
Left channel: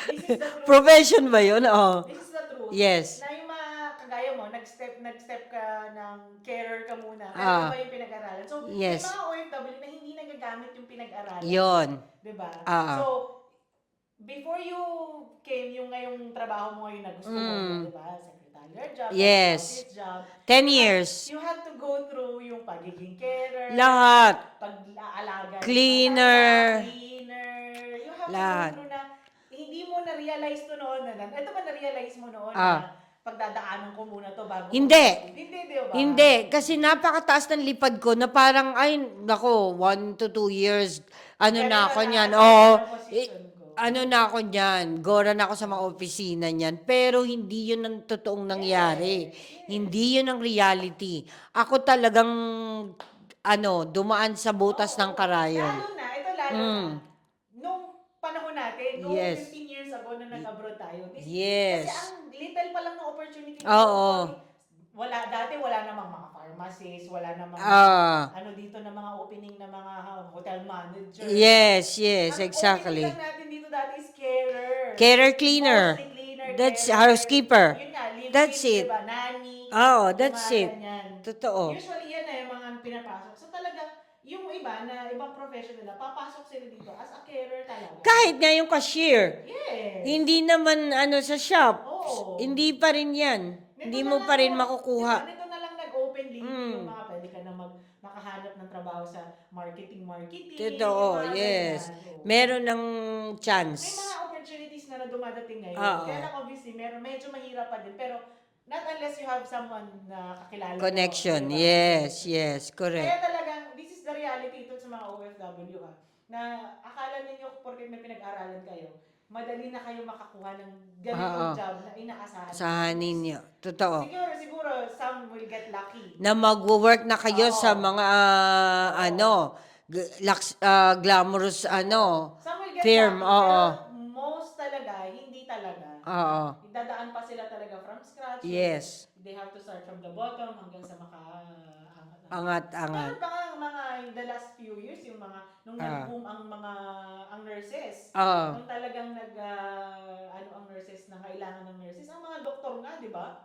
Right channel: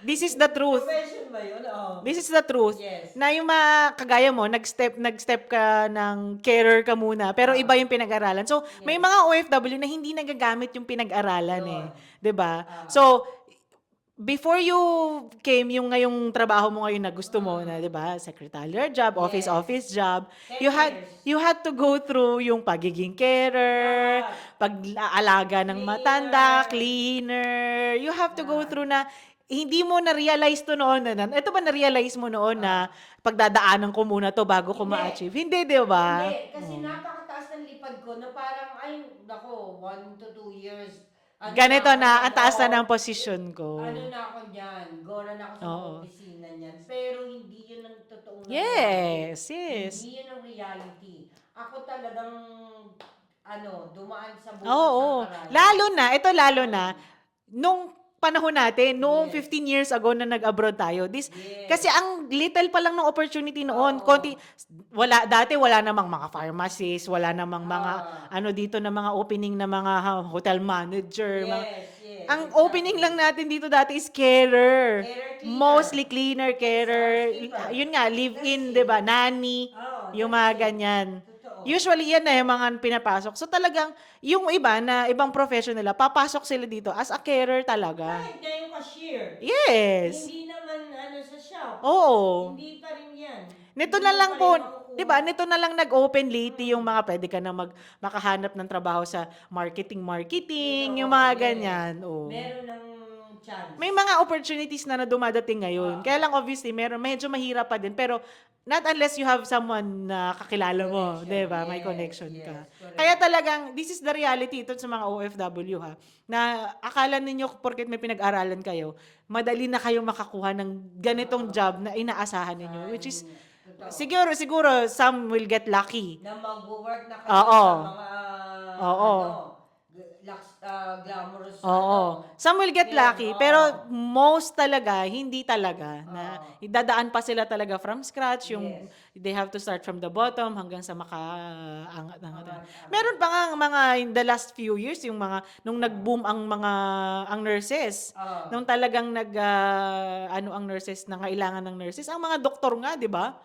This is the truth. Profession ba yun? Oh. This is the truth. Yes. Na yung mga kagaya mo, nag-step ka ng carer ka muna, pero iba yung pinag-aralan. So, may Yes. mga OFW na hindi nagagamit yung pinag-aralan. Yun. 'Di ba? Ah. So, before you came, yung ngayong trabaho mo ngayon na gusto mo na, 'di ba? Secretarial job, Yes. office job. 10 You years. You had to go through yung pagiging carer, Lahat. pag-aalaga ng Cleaner. matanda, cleaner. You have to go Lahat. through na hindi mo na-realize to noon. Ito ba na-realize mo noon na pagdadaanan ko muna to bago ko Hindi. ma-achieve? Hindi, di ba? Hindi. Kasi napakataas ng lipad ko na parang, 1 to 2 years. Ganito ako na, niyan. ang taas na ng position ko. Na ako niyan. Gora na ako sa mga opisina niyan. Pero hindi yun ang totoong nangyari. Yes. Hindi yun ang reality. Ako talagang, dumaan sa butas ng karayom. Lalo na, nung panahon natin, noong Yes. 15 years ago na nag-abroad tayo. Yes. Kasi ang little pa lang ng opportunity noon. Oo. Konti, dati wala namang mga pharmacists, wala namang mga, dito na mga opening na mga hotel manager. Yes, yes, Ang exactly. opening lang natin dito dati is carer. Carer, cleaner. Mostly cleaner, That's carer. housekeeper. Yun nga, That's live-in, it. di ba? Nanny. Oo, Yung that's mga it. ganyan. Totoo. Usually, yan na yung mga pinapasok. So talagang, yung iba na ibang profession nila, papasok sila dito as a carer talaga. Kahit nga yung cashier. Yes. Hindi naman sa shop. Oo. Hindi pa rin yan. Nito Hindi na mo lang pa rin po, makukuha. diba, nito na lang nag-open lately yung mga pwede ka na makahanap ng trabaho sa marketing, Totoo, yung mga yes. ganyan. Oo. Meron ng chance. May mga opportunities na dumadating ngayon. Oo. Kaya lang obviously, medyo mahirap pa din. Pero not unless you have someone na kakilala Connection. mo. Diba? May Yes, connection yes, ka. correct. Kaya talagang, this is the reality ito sa mga OFW ha. Na akala ninyo porket may pinag-aralan kayo, madali na kayo makakuha ng ganitong job na inaasahan Sa ninyo. Which is, ninyo. Totoo. siguro, some will get lucky. Na mag-work na kayo Oo. sa mga, Oo. glamorous, Some will get film, lucky, oo. pero most talaga, hindi talaga. Oo. Idadaan pa sila talaga from scratch. Yes. They have to start from the bottom hanggang sa maka-angat. Angat. Meron pa nga mga in the last few years, yung mga, nung nag-boom ang nurses. Oo. Nung talagang ang nurses, na kailangan ng nurses. Ang mga doktor nga, di ba?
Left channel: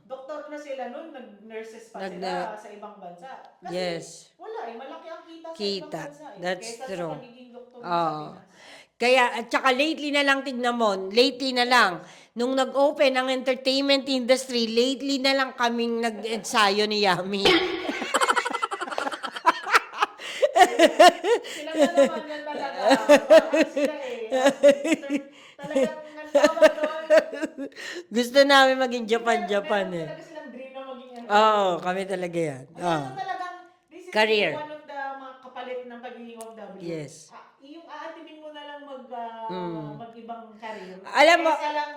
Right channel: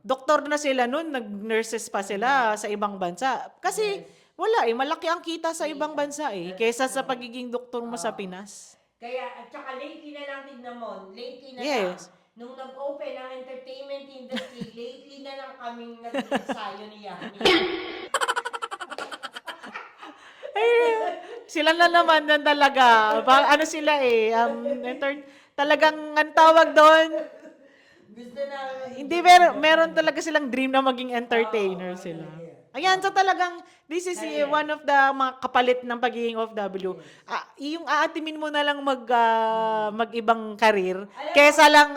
Doktor na sila nun, nag-nurses pa sila sa ibang bansa. Kasi, Yes. wala malaki ang kita sa ibang Kita. bansa That's kaysa sa true. pagiging doktor mo sa Pinas. Kaya, at saka lately na lang, tignan mo, lately na lang, nung nag-open ang entertainment industry, lately na lang kaming nag-ensayo ni Yami. Sila na naman na talaga. Ano sila talagang ang tawag doon. Gusto namin maging Hindi, Japan. meron talaga silang dream na maging entertainer. Oo, kami sila. talaga yan. Ayan, so talagang, this is Career. one of the mga kapalit ng pagiging OFW. Yes. Yung aatimin mo na lang mag-ibang karir. Alam mo- Kesa lang,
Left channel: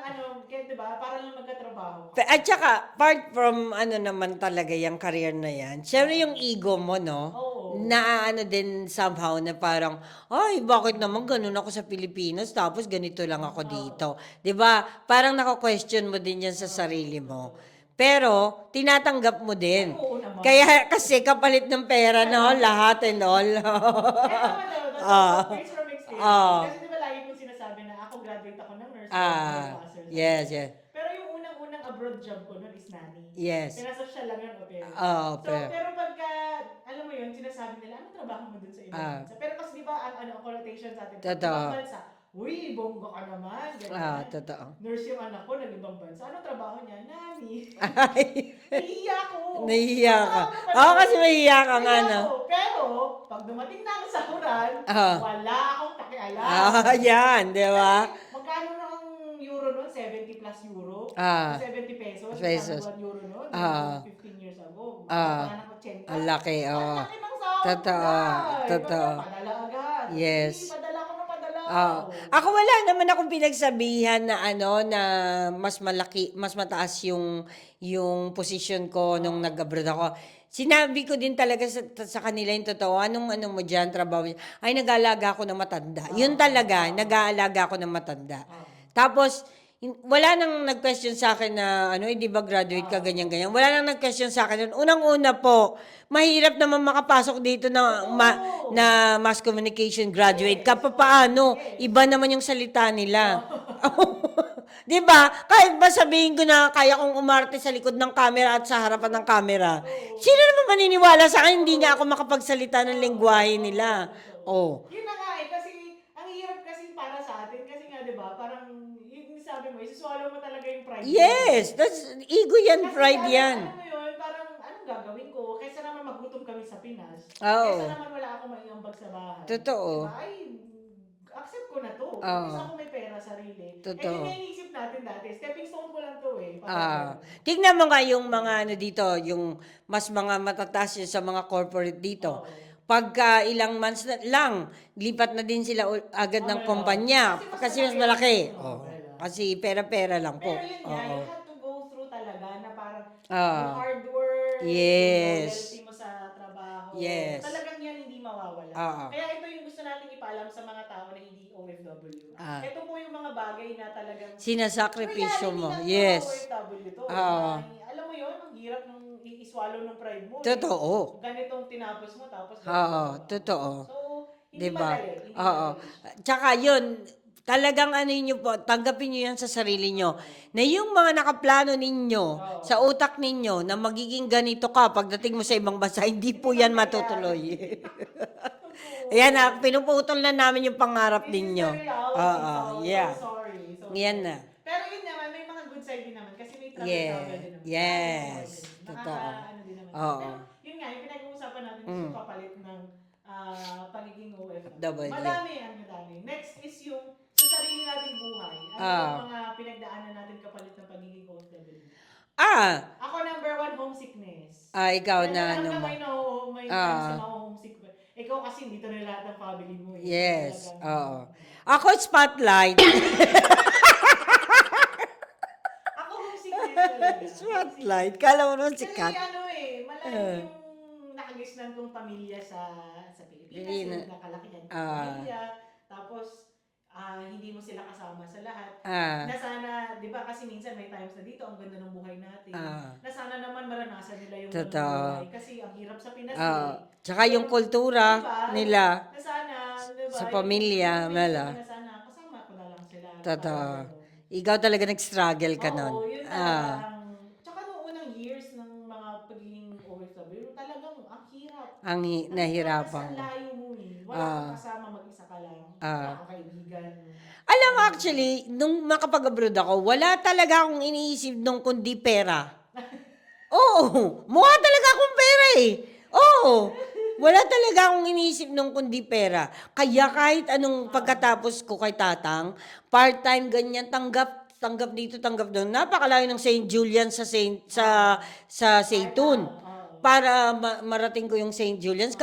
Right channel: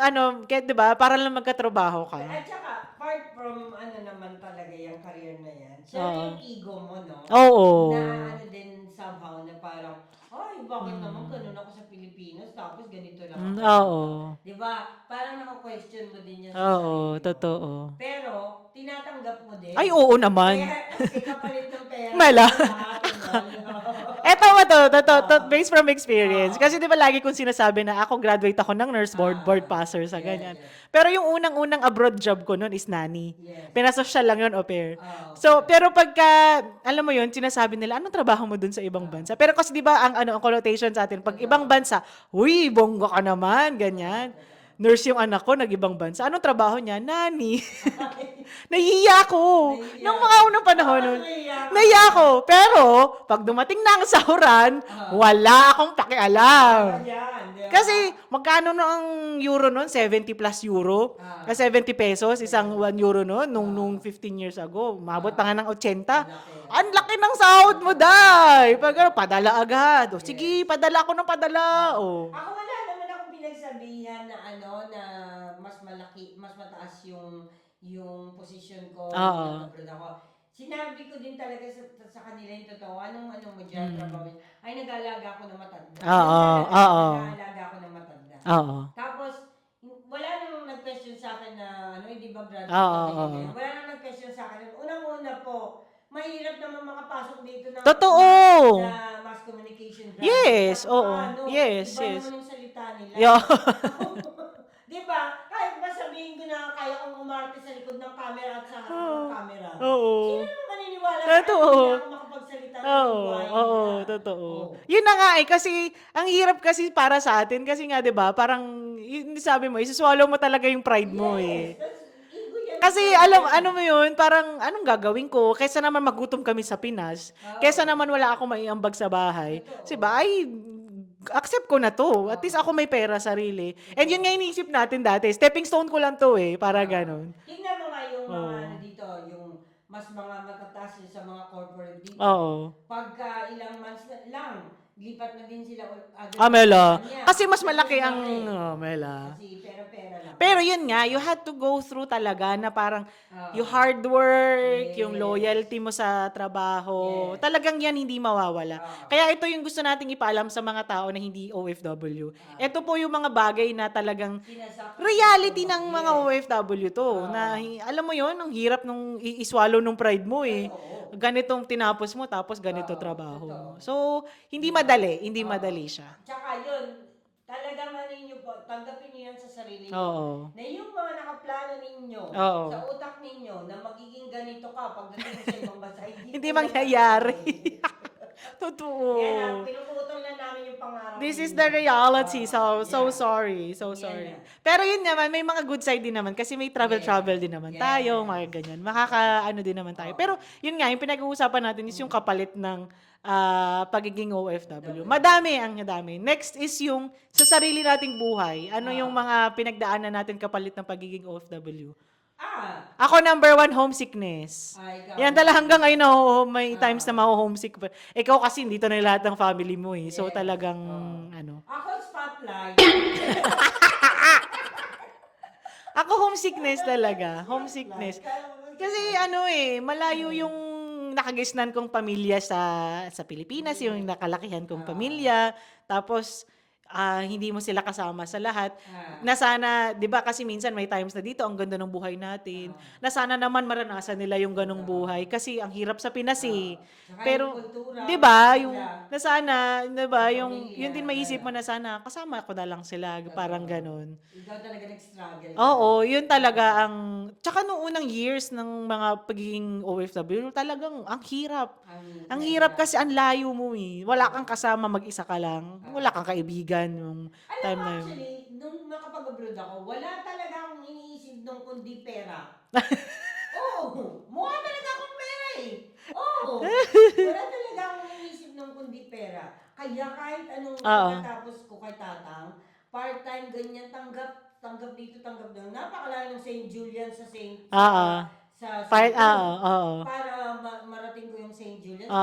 di ba, para lang magkatrabaho ka. At saka, apart from naman talaga yung career na yan, syempre yung ego mo, no? Oo. Na din somehow na parang, ay, bakit naman ganun ako sa Pilipinas tapos ganito lang ako Oo. dito. 'Di ba? Parang nako-question mo din yan sa Oo, sarili mo. totoo. Pero tinatanggap mo din. Ay, oo naman. Kaya kasi kapalit ng pera Wala. naman lahat and all. Based from experience. Oo. Kasi di ba lagi kong sinasabi na ako graduate ako ng nurse board passer sa yes, ganyan. yes. Pero yung unang-unang abroad job ko noon is nanny. Yes. Pinasosyal lang yun, au pair. Au pair. Pero pagka, alam mo yun, sinasabi nila, anong trabaho mo dun sa ibang bansa? Pero kasi di ba, ang connotation sa atin, pag Totoo. ibang bansa, uy, bongga ka naman, ganyan. Totoo. Nurse yung anak ko, nag-ibang bansa. Anong trabaho niya? Nanny. Nahihiya ko. Nahihiya Yung mga ka. unang panahon. Oo, kasi mahihiya ka. Nahihiya ko. Pero, pag dumating na ang sahuran, wala akong pakialam. Yan, di ba? Kasi, magkano no ang euro noon? 70 plus euro? 70 pesos, isang 1 euro noon, nung 15 years ago. Mabot pa nga ng 80. Ang laki, Ang laki ng sahod mo, Totoo. day. Totoo. Pag padala agad. O, Yes. sige, padala ako ng padala. O. Ako wala naman akong pinagsabihan na na mas malaki, mas mataas yung position ko nung nag-abroad ako. Sinabi ko din talaga sa kanila yung totoo, anong mo dyan, trabaho mo? Ay, nag-aalaga ako ng matanda. Yun talaga, nag-aalaga ako ng matanda. Oo. Tapos, wala nang nag-question sa akin na, di ba graduate ka, ganyan-ganyan. Wala nang nag-question sa akin. Unang-una po, mahirap naman makapasok dito na, Totoo. na mass communication graduate ka. Yes, Paano? yes, Iba yes. naman yung salita nila. Di ba? Kahit ba sabihin ko na kaya kong umarte sa likod ng camera at sa harapan ng camera, Oo. sino naman maniniwala sa akin? Totoo. Hindi nga ako makapagsalita ng lingwahe nila. Totoo. Oh. Yun na nga kasi ang hirap kasi para sa atin kasi nga 'di ba, parang yun sabi mo, isi-swallow mo talaga yung pride mo. Yes, that's ego yan. Kasi pride yan. ano mo yun, parang anong gagawin ko? Kaysa naman magutom kami sa Pinas, Oo. kaysa naman wala akong maiambag sa bahay. Totoo. Diba? Ay, accept ko na to. At least ako may pera sarili. Totoo. And yun nga iniisip natin dati. Stepping stone ko lang to para ganun. Tignan mo nga yung mga dito, yung mas mga matataas yun sa mga corporate dito. Oo. Pagka ilang months na lang, lipat na din sila agad ng Mela. kumpanya. Kasi mas malaki ang... Oo. Mela. Kasi pera-pera lang po. Pero yun nga, Oo. you had to go through talaga na parang Ah. yung hard work, yung Yes. loyalty mo sa trabaho. Yes. Talagang yan hindi mawawala. Oo. Kaya ito yung gusto nating ipaalam sa mga tao na hindi OFW. Ah. Ito po yung mga bagay na talagang Sinasakripisyo reality mo. ng mga OFW to. Oo. Na, alam mo yon ang hirap nung iswallow nung pride mo eh. Totoo. Ganitong tinapos mo tapos ganito Oo, trabaho. totoo. So, hindi Diba? madali. Hindi Oo. madali siya. Tsaka yun, talagang ano nyo po, tanggapin nyo yan sa sarili nyo. Oo. Na yung mga nakaplano ninyo, Oo. sa utak ninyo, na magiging ganito ka pagdating mo sa ibang bansa, hindi po Hindi yan mangyayari. matutuloy. Totoo. Ayan na, pinuputol na namin yung pangarap This ninyo. is the reality. Oo, So yeah. sorry. So Yan sorry. na. Pero yun naman, may mga good side din naman kasi may travel din naman tayo, Yes. mga ganyan. Makaka-ano din naman tayo. Oo. Pero yun nga, yung pinag-uusapan natin is yung kapalit ng pagiging OFW. W. Madami. Next is yung sa sarili nating buhay. Ano Ah. yung mga pinagdaanan natin kapalit ng pagiging OFW? Ah, Ako, number 1, homesickness. ikaw Yan na. talaga hanggang ngayon may Ah. times na ma-homesick pa. Ikaw kasi dito na lahat ng family mo eh. So Yes. talagang Oo. ano. Ako, spotlight. Ako homesickness talaga. Homesickness. Kala mo naman Kasi sikat. ano malayo yung nakagisnan kong pamilya sa Pilipinas, yung nakalakihan kong pamilya. Tapos hindi mo sila kasama sa lahat. Na sana, 'di ba kasi minsan may times na dito ang ganda ng buhay natin. Na sana naman maranasan nila yung ganung Totoo. buhay kasi ang hirap sa Pinas eh. Tsaka yung kultura 'di ba? nila. Na sana, 'di ba? Sa Yung pamilya, hindi maisip Mela. mo na sana kasama ko na lang sila, Totoo. parang ganun. Ikaw talaga nag-struggle ka Oo, nun. yun talaga ang... Tsaka noong unang years ng mga pagiging OFW, talagang ang hirap. Ang hirap kasi ang layo mo eh. Wala kang kasama, mag-isa ka lang. Wala kang kaibigan. Alam mo, actually, nung makapag-abroad ako, wala talaga akong iniisip nung kundi pera. Oo, mukha talaga akong pera eh. Oo, wala talaga akong iniisip nung kundi pera. Kaya kahit anong pagkatapos ko kay Tatang, part-time ganyan, tanggap dito, tanggap doon. Napakalayo ng St. Julian sa St. Jude. Para marating ko yung St. Julian's,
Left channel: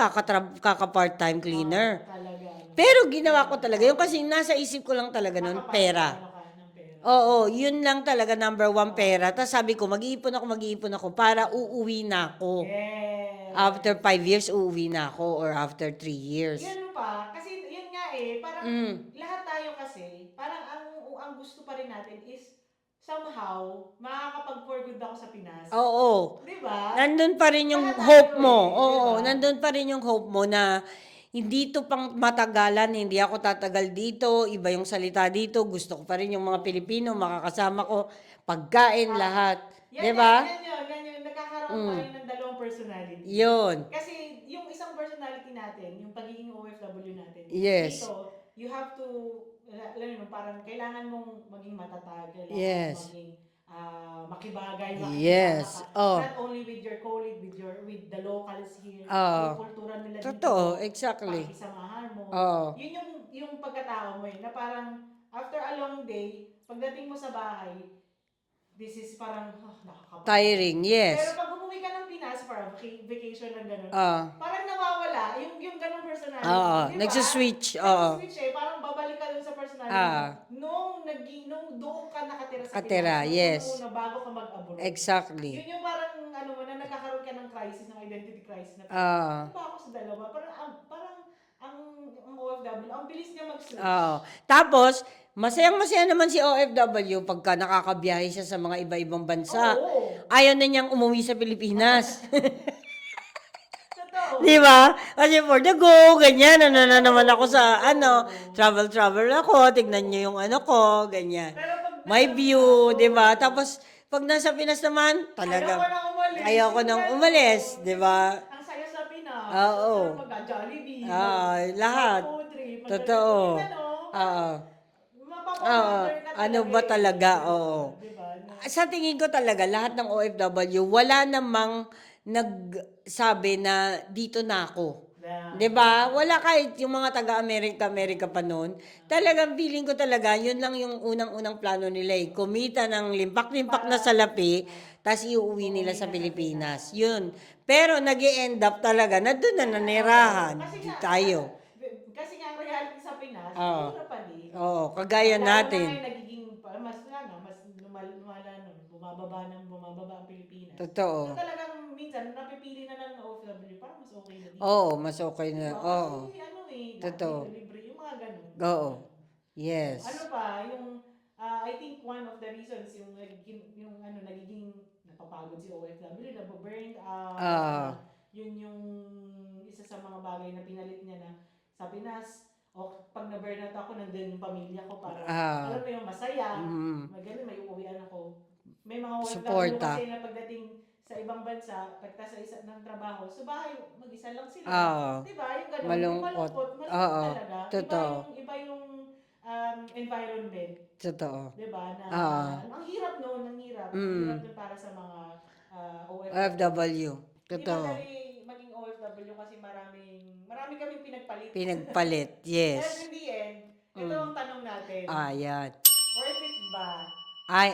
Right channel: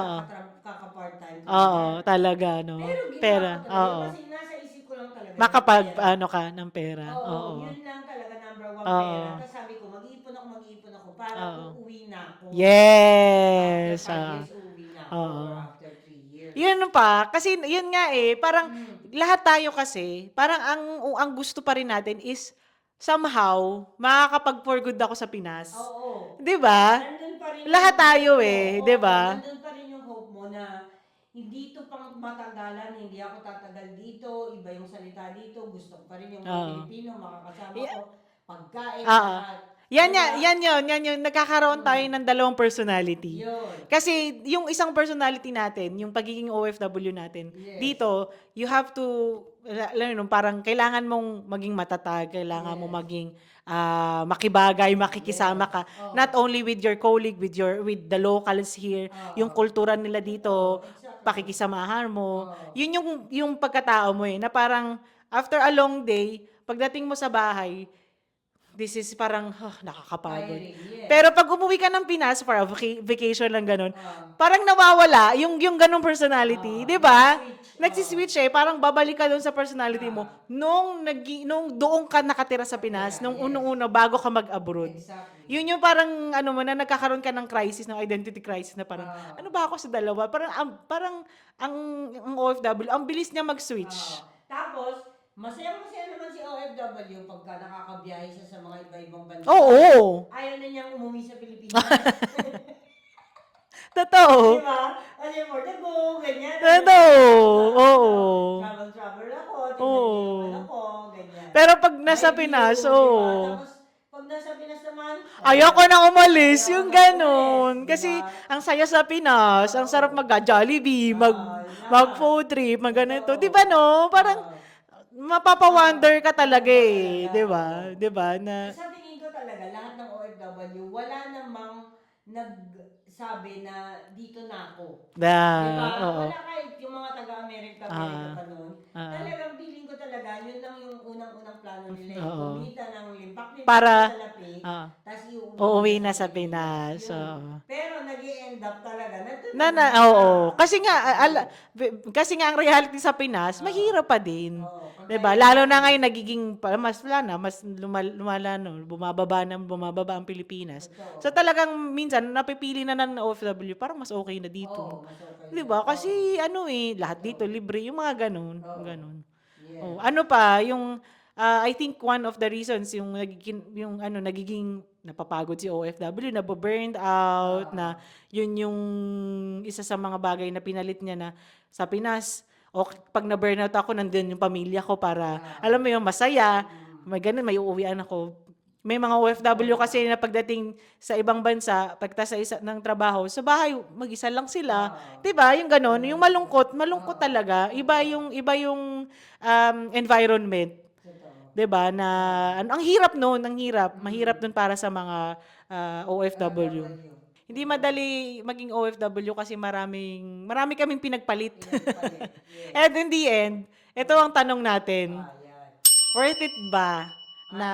kaka-part-time cleaner. Oo, talaga. No? Pero ginawa Pera, ko talaga. Yung kasi nasa isip ko lang talaga ng makapal, pera. ano ka, ng pera. Oo, yun lang talaga number 1 pera. Tapos sabi ko, mag-iipon ako para uuwi na ako. Yes. After 5 years, uuwi na ako. Or after 3 years. Yun pa. Kasi yun nga parang lahat tayo kasi, parang ang gusto pa rin natin is somehow, makakapag-for good ako sa Pinas. Oo. 'Di ba? Nandun pa rin yung Lahat tayo hope mo. eh, 'di ba? Nandun pa rin yung hope mo na hindi to pang matagalan, hindi ako tatagal dito, iba yung salita dito, gusto ko pa rin yung mga Pilipino, makakasama ko, pagkain, lahat. Yan Diba? yan yun. Nagkakaroon tayo ng dalawang personality. Yun. Kasi yung isang personality natin, yung pagiging OFW natin, Yes. dito, you have to, alam mo, parang kailangan mong maging matatag, kailangan mo maging makibagay, makikisama ka. Not only with your colleague, with the locals here, yung kultura nila dito, Totoo, exactly. pakikisamahan mo. Yun yung pagkatao mo na parang after a long day, pagdating mo sa bahay, this is parang nakakapagod. Tiring, yes. Pero pag umuwi ka ng Pinas for a vacation lang ganun, parang nawawala yung ganung personality, 'di ba? Nagsiswitch. Nagsiswitch parang babalik ka doon sa personality mo nung doon ka nakatira sa Pinas, nung yes. unang-una bago ka mag-abroad. Exactly. Yun yung parang na nagkakaroon ka ng crisis, ng identity crisis na parang ano ba ako sa dalawa? Parang ang OFW, ang bilis niya mag-switch. Tapos, masayang-masaya naman si OFW pagka nakakabiyahe siya sa mga iba-ibang bansa. Oo. Ayaw na niyang umuwi sa Pilipinas. Totoo. Di ba? Kasi for the go, ganyan. Ano na naman ako sa, travel ako. Tignan niyo yung ano ko, ganyan. Pero pag nasa My view, Pinas, di ba? Tapos, pag nasa Pinas naman, ayoko nang umalis. Ayoko Yung nang gano'n. umalis, di Kasi ba? ang saya sa Pinas. Ang sarap mag-Jollibee, lahat. mag-food trip, Totoo. Di ba no? Parang mapapa-wonder ka talaga ano ba talaga? Di ba? Oo. Di ba? Sa tingin ko talaga, lahat ng OFW, wala namang nagsabi na dito na ako. Di ba? Wala kahit yung mga taga-Amerika pa noon. Talagang feeling ko talaga, yun lang yung unang-unang plano nila eh. Kumita ng limpak-limpak na salapi, tapos iuwi nila sa Pilipinas. Yun. Pero nag-i-end up talaga na doon na Oo. nanirahan. Tayo. Kasi nga ang reality sa Pinas, mahirap pa din. Oo, Diba? kagaya Lalo na natin. ngayon nagiging lumala, no, bumababa ang Pilipinas. Totoo. So talagang minsan napipili na ng OFW, parang mas okay na dito. Oo, mas okay na. Diba? Oo. Kasi lahat Totoo. dito libre, yung mga ganun. Oo. Ganun. Yes. Ano pa, yung I think one of the reasons nagiging napapagod si OFW, na-burned out, Oo. na yun yung isa sa mga bagay na pinalit niya na sa Pinas. O pag na-burnout ako, nandun yung pamilya ko para, alam mo yung masaya, may ganun, may uuwian ako. May mga OFW Suporta. kasi na pagdating sa ibang bansa, pagtas sa isa ng trabaho, sa bahay, mag-isa lang sila. Oo. 'Di ba? Yung ganun, yung malungkot Oo. talaga. Totoo. Iba yung environment. Totoo. 'Di ba? Na ang hirap noon, mahirap noon para sa mga OFW. OFW. Hindi Totoo. madali maging OFW kasi marami kaming pinagpalit. Pinagpalit. Yes. And in the end, ito ang tanong natin. Yan. Worth it ba? Ay.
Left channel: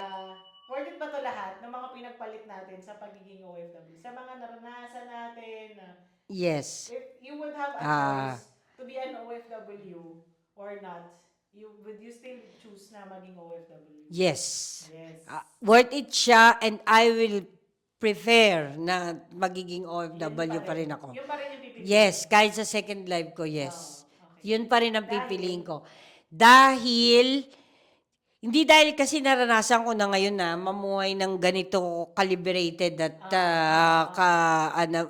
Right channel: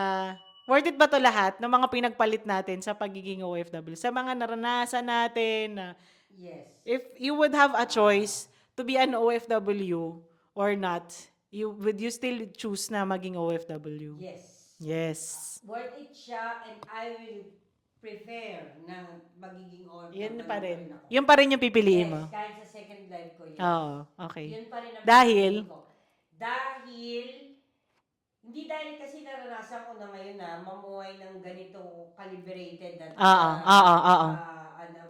Worth it ba to lahat ng mga pinagpalit natin sa pagiging OFW? Sa mga naranasan natin na Yes. if you would have a choice to be an OFW or not, would you still choose na maging OFW? Yes. Yes. Worth it siya and I will prefer na magiging OFW pa rin ako. Yun pa rin yung pipiliin Yes, mo? kahit sa second life ko, yes. Oo, okay. Yun pa rin ang Dahil? pipiliin ko. Hindi dahil kasi naranasan ko na ngayon na mamuhay ng ganito calibrated at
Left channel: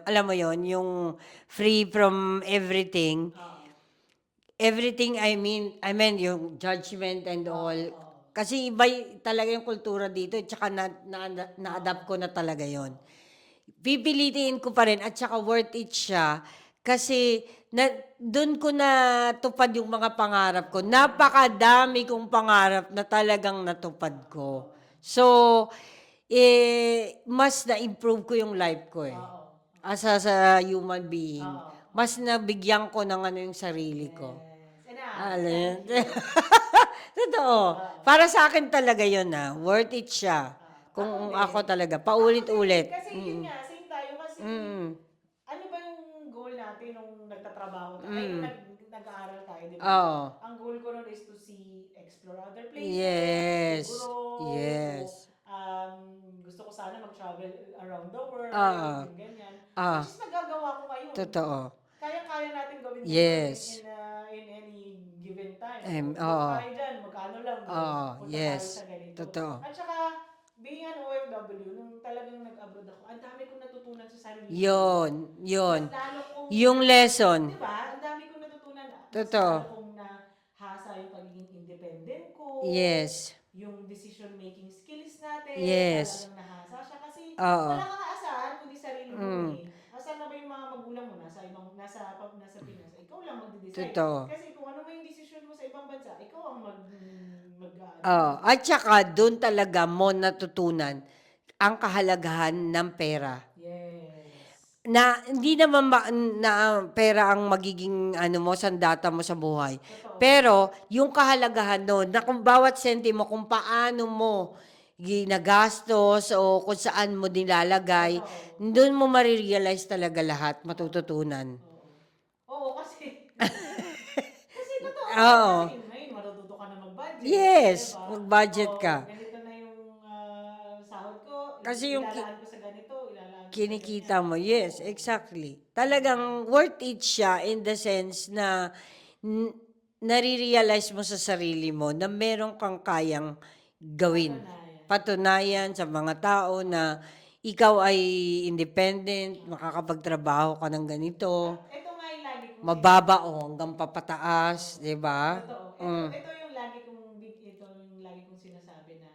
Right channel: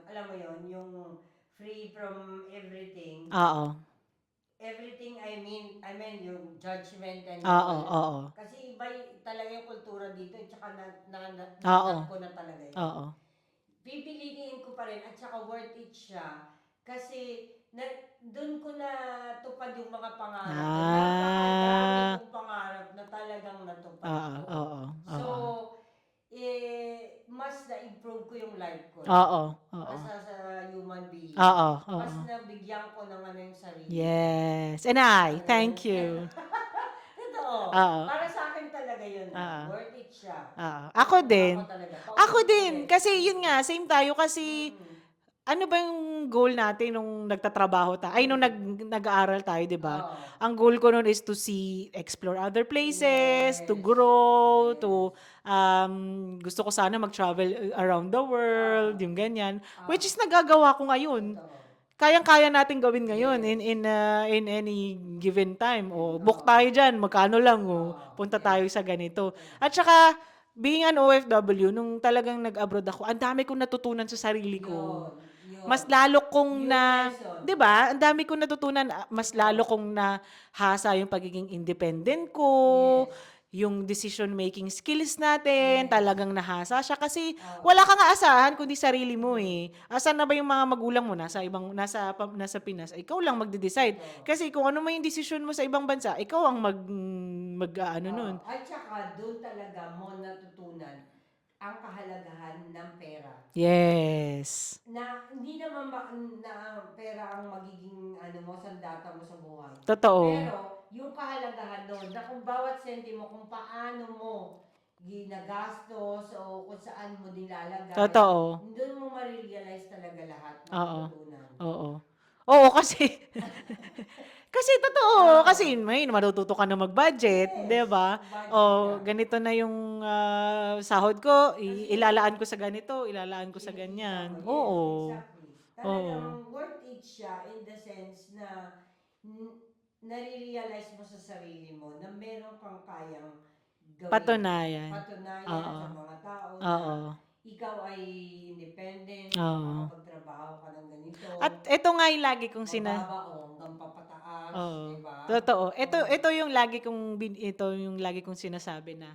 alam mo yon, yung free from everything. Oo. Everything I mean yung judgment and all. Oo. Kasi iba talaga yung kultura dito, tsaka na-adapt ko na talaga yon. Oo. Pipilitin ko pa rin at saka worth it siya kasi doon ko natupad yung mga pangarap ko. Napakadami kong pangarap na talagang natupad ko. So, mas na-improve ko yung life ko. As a human being. Mas nabigyan ko ng yung sarili ko. Yes. And thank you. Totoo. Para sa akin talaga yun worth it siya. Ako din. Ako talaga. Ako din. Paulit-ulit. Kasi yun nga, same tayo kasi ano ba yung goal natin nung nagtatrabaho tayo? Ay, nung nag-aaral tayo, di ba? Ang goal ko nun is to explore other places, to grow, to gusto ko sana mag-travel around the world, yung ganyan. Which is nagagawa ko ngayon. Totoo. Kayang-kaya natin gawin ngayon Yes. in any given time. Book tayo dyan, magkano lang. Punta tayo sa ganito. Totoo. At saka, being an OFW, nung talagang nag-abroad ako, ang dami kong natutunan sa sarili ko. Yun. Mas lalo kong Yung lesson. 'di ba? Ang dami kong natutunan, mas Totoo. lalo kong nahasa yung pagiging independent ko. Yes. Yung decision making skills natin, Yes. talagang nahasa siya kasi Oo. wala kang aasahan kundi sarili mo eh. Asan na ba yung mga magulang mo nasa Pinas? Ikaw lang magde-decide. Totoo. Kasi kung ano man yung decision mo sa ibang bansa, ikaw ang At saka doon talaga mo natutunan ang kahalagahan ng pera. Yes. Na hindi naman na pera ang magiging sandata mo sa buhay. Totoo. Pero yung kahalagahan doon na kung bawat sentimo kung paano mo ginagastos o kung saan mo nilalagay, Totoo. doon mo marirealize talaga lahat, matututunan. Oo, kasi kasi totoo, kasi may matututo ka na mag-budget, Yes, 'di ba? mag-budget ka. Ganito na yung sahod ko, Kasi ilalaan ko sa ganito, ilalaan ko sa ganyan. Kinikita mo, yes, Oo. exactly. Talagang worth it siya in the sense na nare-realize mo sa sarili mo na meron kang kayang gawin. Patunayan sa mga tao na ikaw ay independent, makakapagtrabaho ka ng ganito. At ito nga yung lagi kong mababa o hanggang papataas, 'di ba? Totoo. Ito yung lagi kong sinasabi na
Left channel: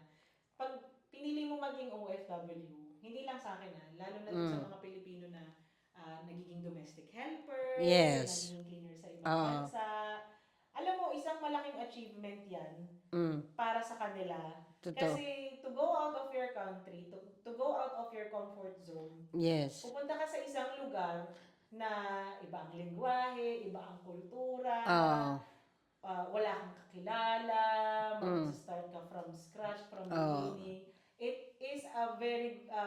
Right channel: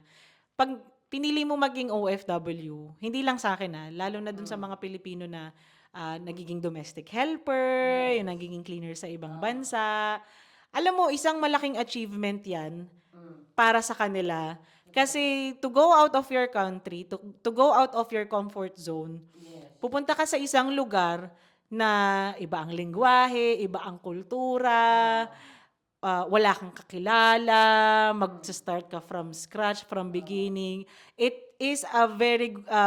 pag pinili mo maging OFW, hindi lang sa akin lalo na dun sa mga Pilipino na nagiging domestic helper, Yes. nagiging cleaner sa ibang bansa. Alam mo, isang malaking achievement 'yan para sa kanila. Totoo. Kasi to go out of your country, to go out of your comfort zone, Yes. pupunta ka sa isang lugar na iba ang lengguwahe, iba ang kultura, wala kang kakilala, mag-start ka from scratch, from beginning. It is a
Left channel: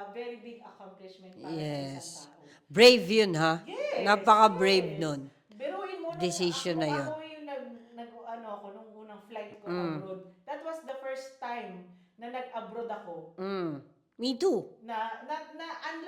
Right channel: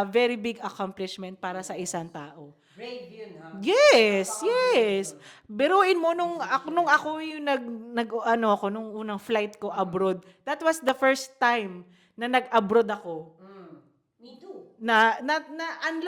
very big accomplishment para sa isang Yes. tao. Brave yun, ha? Yes, Napaka-brave yes. nun. Biruin mo Decision nung na yun. ako yung nung unang flight ko abroad. That was the first time na nag-abroad ako. Me too. Ang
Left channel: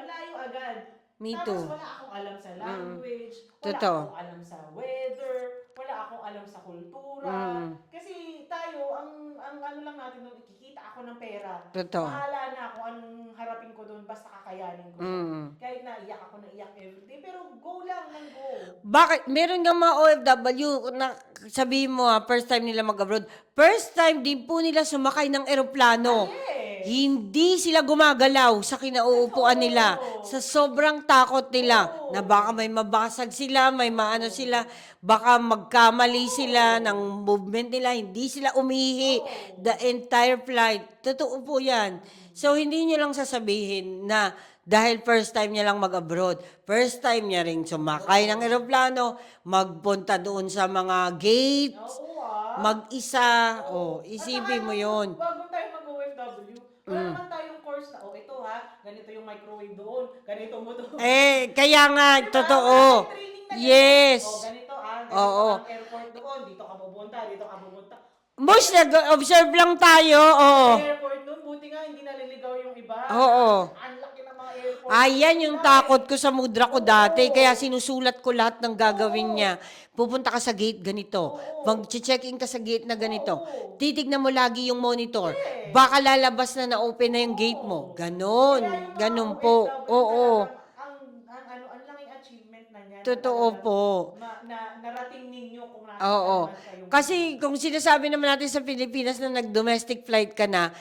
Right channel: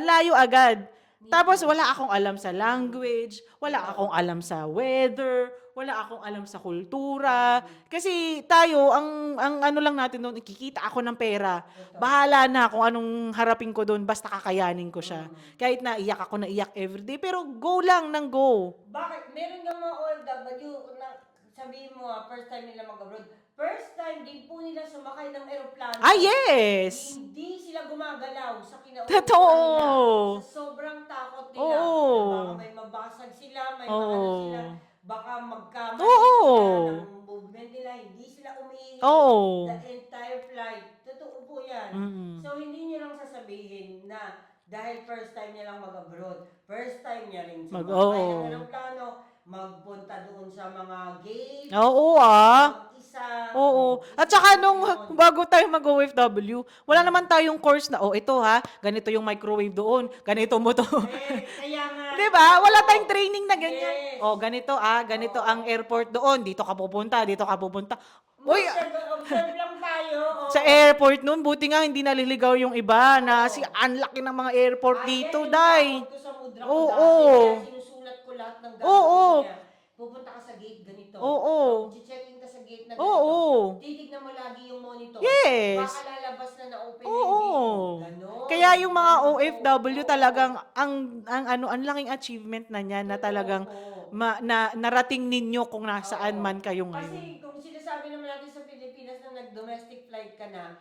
layo agad. Me Tapos too. wala akong alam sa language, wala Totoo. akong alam sa weather, wala akong alam sa kultura. Kasi tayo, ang ano lang natin doon, ikikita ako ng pera. Totoo. Bahala na kung anong harapin ko doon, basta kakayanin ko siya. Kahit na iyak ako na iyak everyday, pero go lang ng go. Bakit? Meron nga mga OFW na sabihin mo first time nila mag-abroad. First time din po nila sumakay ng eroplano. Yes! Hindi sila gumagalaw sa kinauupuan Totoo. nila. Sa sobrang takot nila Oo. na baka may mabasag sila, may maano Oo. sila, baka magkamali Oo. sila ng movement nila, hindi sila umihi Oo. the entire flight. Totoo po yan. So, hindi nyo lang sasabihin na dahil first time niya lang mag-abroad, first time niya ring sumakay Oo. ng eroplano, magpunta doon sa mga gate, Oo mag-isa. Oo. At Isipin saka mo nung yun. bago tayo mag-OFW, wala naman tayong course na, ito ganito yung microwave doon, ganito mo to. Kaya nga, Diba? totoo. Wala tayong training na ganito. Yes. Ganito ganito Oo. ang airport doon, dito ka pupunta, dito ka pupunta. Most observe lang tayo. Sa Oh. airport noon, buti nga hindi naliligaw yung iba na Oo. ang laki ng mga airport Ayan dito, yung Day. takot ko sa mudra ko Oo. dati. Kaya sinusulat ko lahat ng gagawin Oo. niya. Pupunta ka sa gate ganito. Oo. Mag-check-in ka sa gate na ganito. Oo. Titignan mo lagi yung monitor. Yes. Baka lalabas na na-open na yung Oo. gate mo. Ganon. Kaya yung mga Ganon po. OFW Oo. talagang ang laking achievement na niyan na Totoo talagang po. narating ninyo kung nasaan Oo. man kayong Kasi kung sinasabi naman natin sa Pilipinas na nag-domestic flight ka na,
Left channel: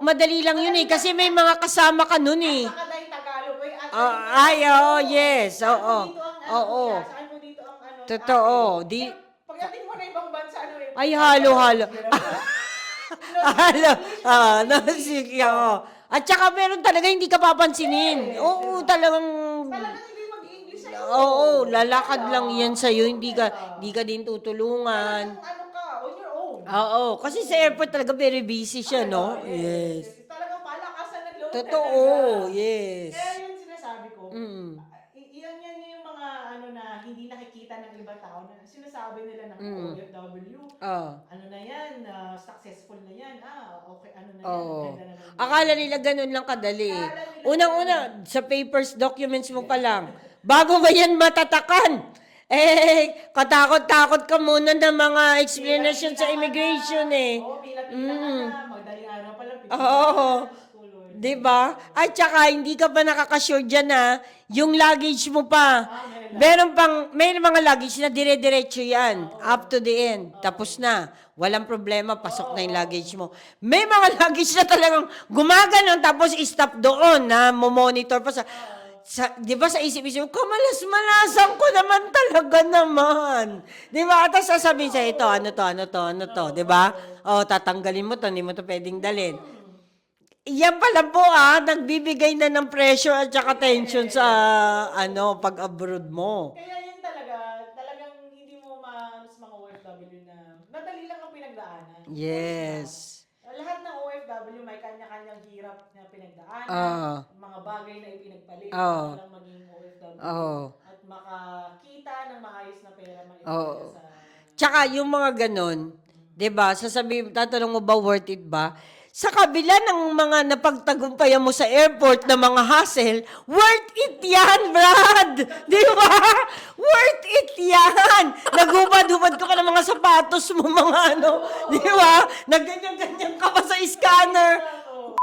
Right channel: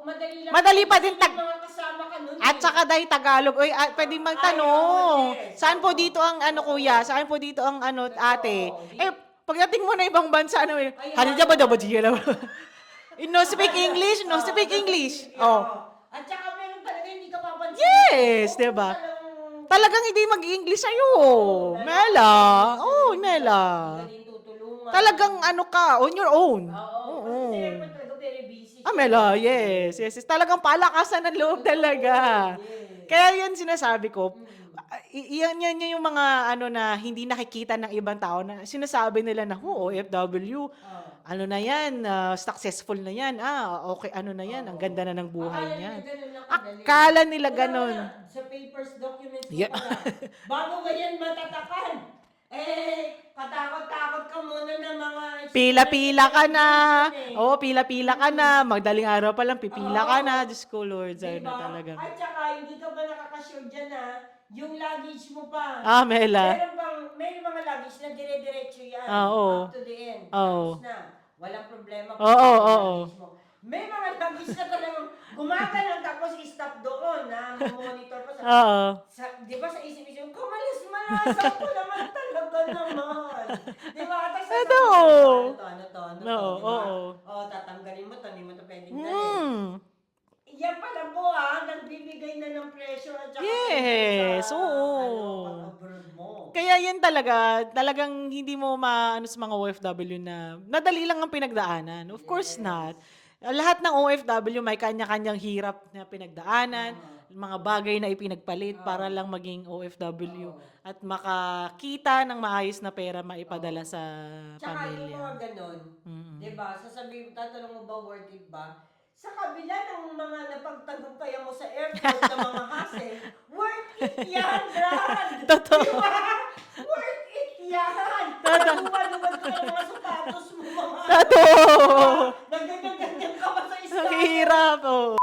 madali lang Madali yun pa kasi din may mga kasama ka nun at eh. saka dahil Tagalog, pwedeng yes. Saan po Oo. dito ang Oo. kuya? Saan po dito ang Totoo. ate? Pagdating mo na ibang bansa, Ay, ano halo, ka ba halo. daw? No speak English, no speak English. Oo. At saka meron talaga hindi ka papansinin. Yes, Oo, diba? talagang hindi mag-English sa'yo. Oo, lalakad lang yan sa'yo. Oo, Hindi ka din tutulungan. Talagang ka, on your own. Oo, kasi sa airport talaga very busy siya. Mela, no? yes. Talagang palakasan ng loob Totoo, talaga. yes. Kaya yan sinasabi ko, yan yung mga na hindi nakikita ng ibang tao na sinasabi nila na, OFW, ano na yan, successful na yan, okay, ano na yan, ang ganda na ng buhay. Akala nila ganun lang kadali. Akala nila Unang-una, sa papers, documents mo pa lang. Bago ba yan matatakan? Katakot-takot ka muna ng mga experience Pila-pila sa ka na. immigration eh. Pila-pila ka na. Magdaling araw pa lang, pipila ka na. Diyos ko, Lord. Diba? Ay, tsaka, hindi ka pa nakakasure dyan yung luggage mo pa. Mela. May mga luggage na dire-diretso yan. Oo. Up to the end. Oo. Tapos na. Walang problema, Oo, pasok na yung oo. luggage mo. May mga luggage na talagang gumaganon tapos stop doon na monitor pa di ba sa isip-isip, kamalas-malasan ko naman talaga naman. Di ba? At sasabihin sa ito, ano to, di ba? Tatanggalin mo to, hindi mo to pwedeng dalhin. Yan pala po nagbibigay na ng pressure at saka tension sa pag-abroad mo. Kaya yan talagang hindi mo maano sa mga OFW na nadali lang ang pinagdaanan. Of course not. Lahat ng OFW may kanya-kanyang hirap na pinagdaanan, mga bagay na ipinagpalit para lang maging OFW at makakita ng maayos na pera maipadala sa... Tsaka yung mga ganon, 'di ba? Tatanong mo ba worth it ba? Sa kabila ng mga napagtagumpayan mo sa airport na mga hassle, worth it yan, Brad! Di ba? Worth it yan! Nagubad-ubad ka pa ng mga sapatos mo, mga di ba? Nagganyan-ganyan ka pa sa scanner. Hirap, oo.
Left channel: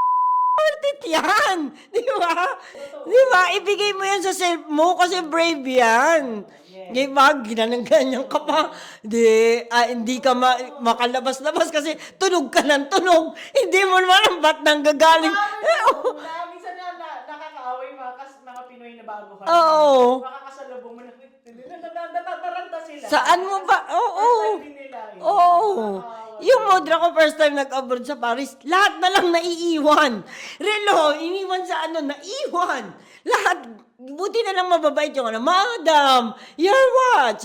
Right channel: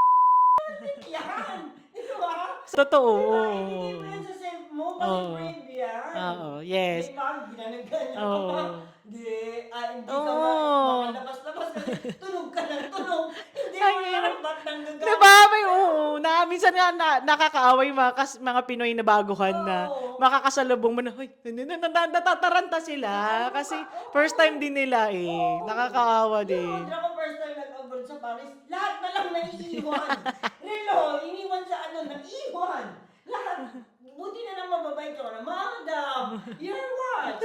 Worth it yan! Di ba? Totoo. Di ba? Ibigay mo yan sa self mo kasi brave yan. Yes. Di ba? Ginanang-ganyan ka pa. Hindi ka makalabas-labas kasi tunog ka ng tunog. Hindi mo naman ba't nang gagaling. Diba? Minsan nga nakakaaway mga Pinoy na baguhan Oo. na makakasalubong mo na, natataranta sila. Saan mo Kasi ba? Oo. first time din nila eh. Oo. Nakakaawa Yung din. modra ko first time nag-abroad sa Paris, lahat na lang naiiwan. Relo, iniwan sa naiwan. Lahat, buti na lang mababait yung Madam, you're what?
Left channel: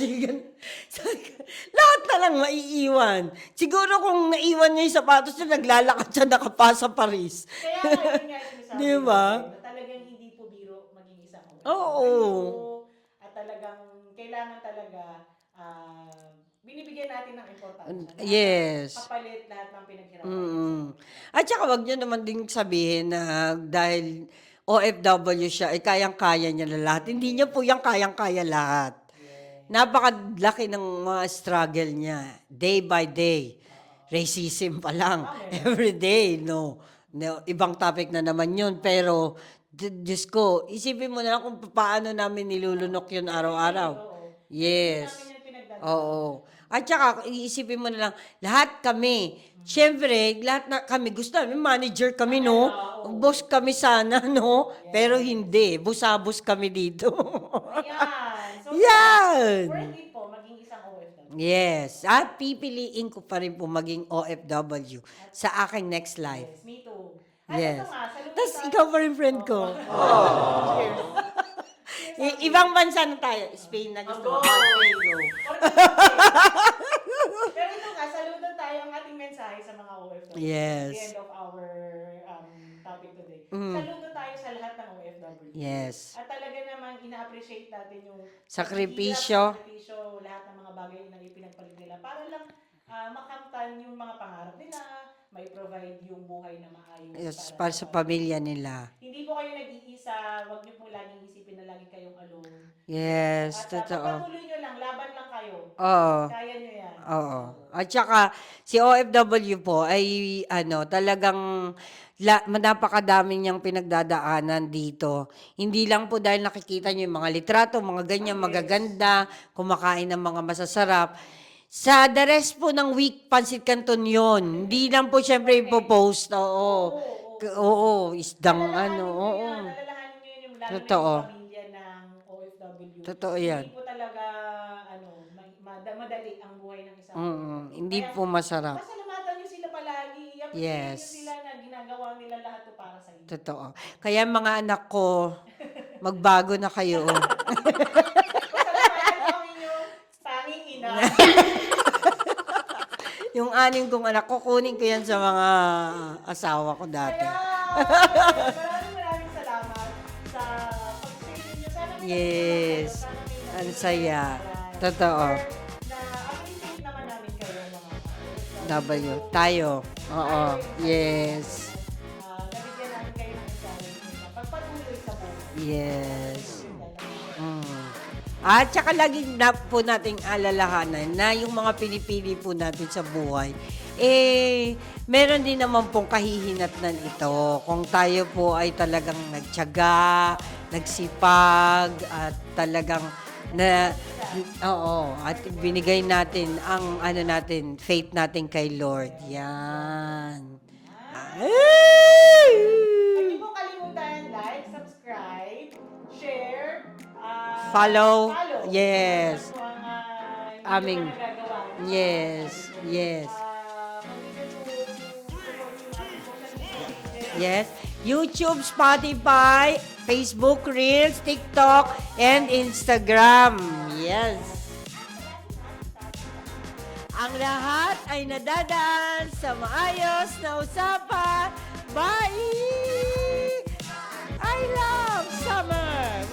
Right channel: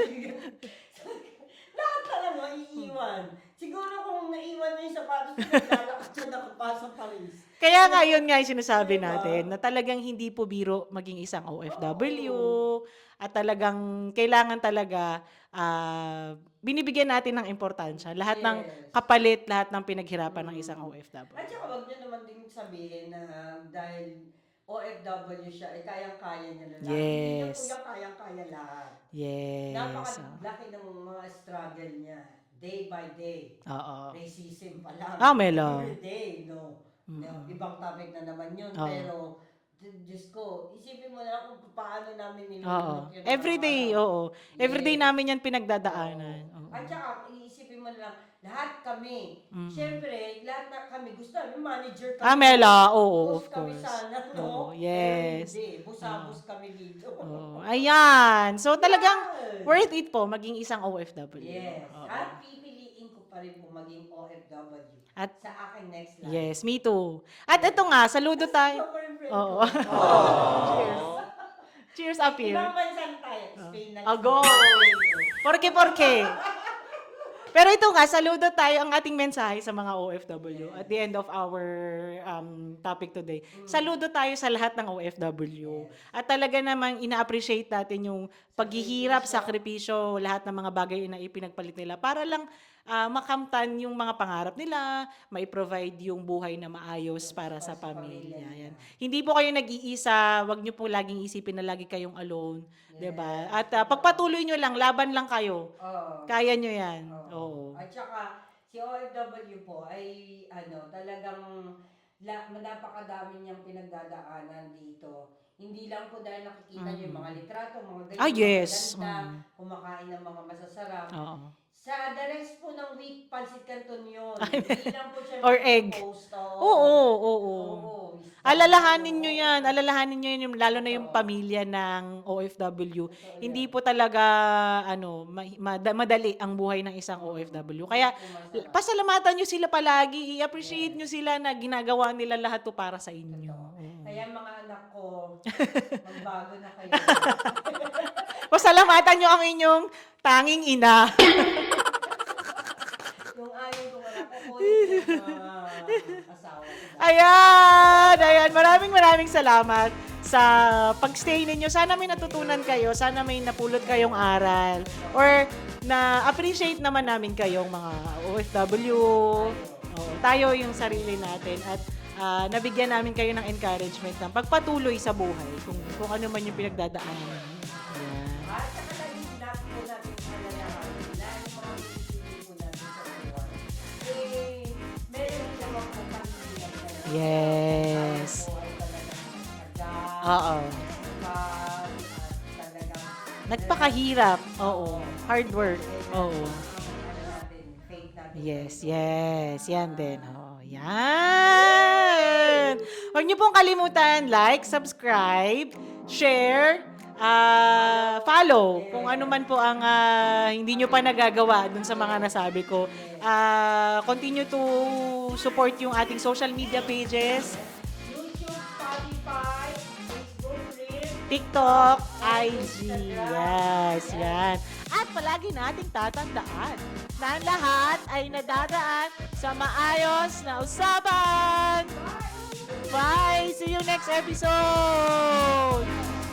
Lahat na lang maiiwan. Siguro kung naiwan niya yung sapatos na naglalakad siya nakapasa Paris. Kaya nga, yun nga yung sinasabi Diba? natin, na talagang hindi po biro maging isang OFW. At talagang kailangan talaga binibigyan natin ng importansya. Lahat ng kapalit, lahat ng pinaghirapan ng isang OFW. At saka wag niyo naman din sabihin na dahil OFW siya, ay kayang-kaya niya na lahat. Hindi niya po yung kayang-kaya lahat. Yes. Napakadlaki ng mga struggle niya. Day by day. Racism pa lang. Melo. Every day, no. Ibang topic na naman yun. Pero, Diyos ko, isipin mo na kung paano namin nilulunok yun Everyday, araw-araw. Everyday namin yan pinagdadaanan. At saka, iisipin mo na lang, lahat kami, syempre, lahat na kami, gusto namin, manager kami, Mela, boss kami sana, no? Yes. Pero hindi, busabos kami dito. Ayan. So, talaga, worth it po maging isang OFW. Yes. At pipiliin ko pa rin po maging OFW at sa aking next life. Yes, me too. At ito nga, saludo Tapos tayo. ikaw pa rin friend ko. Cheers up here. Ibang bansa na tayo. Spain na Go! Porke. Pero ito nga, saludo tayo ang ating mensahe sa mga OFW. Yes. At the end of our topic today. Saludo tayo sa lahat ng OFW. Yes. At talaga namang ina-appreciate natin yung paghihirap, sakripisyo, lahat ng mga bagay na ipinagpalit nila para lang makamtan yung mga pangarap nila, mai-provide yung buhay na maayos para sa pamilya nila. Hindi po kayo nag-iisa, wag niyo po laging isipin na lagi kayong alone. Yes. Diba? At pagpatuloy niyo lang, laban lang kayo. Kaya niyo yan. At saka, si OFW po ay talagang napakadami niyang pinagdadaanan dito. Hindi lang po dahil nakikita niyo yung mga litrato, mga ganyan, magaganda, kumakain ng mga masasarap. Sa the rest po ng week, Pansit Canton yun. Hindi lang po syempre ipopost. Oo. Alalahanin nyo yan. Alalahanin nyo yun, lalo na yung pamilya ng OFW. Totoo yan. Hindi po talaga madali ang buhay ng isang OFW. Kaya po masarap. pasalamatan nyo sila palagi. I-appreciate nyo sila na ginagawa nila lahat to para sa inyo. Totoo. Kaya mga anak ko, magbago na kayo. Pasalamatan nyo ang inyong tanging ina. Yung anim kong anak, kukunin ko yan sa mga asawa ko dati. Ayan. Maraming salamat sa pagstay ninyo. Sana may natutunan kayo. Sana may napulot kayong aral. Totoo. Or na-appreciate naman namin kayong mga OFW. Tayo. Tayo yung sarili natin. At nabigyan namin kayo ng encouragement na pagpatuloy sa buhay. Kung ano man yung pinagdadaanan. At saka lagi na po nating alalahanan na yung mga pinipili po natin sa buhay, meron din naman pong kahihinatnan ito. Kung tayo po ay talagang nagtiyaga, nagsipag, at talagang nagpakahirap. At binigay natin ang faith natin kay Lord. Yes, yan din. Yan! Huwag niyo pong kalimutan, like, subscribe, share, follow. Yes. Kung ano man po ang hindi nyo pa nagagawa dun sa mga nasabi ko. Yes. Continue to support yung ating social media pages. Yes. YouTube, Spotify, Facebook Reels, TikTok, and Instagram. Yes. At palagi nating tatandaan, ang lahat ay nadadaan sa maayos na usapan. Bye! See you next episode! Summer!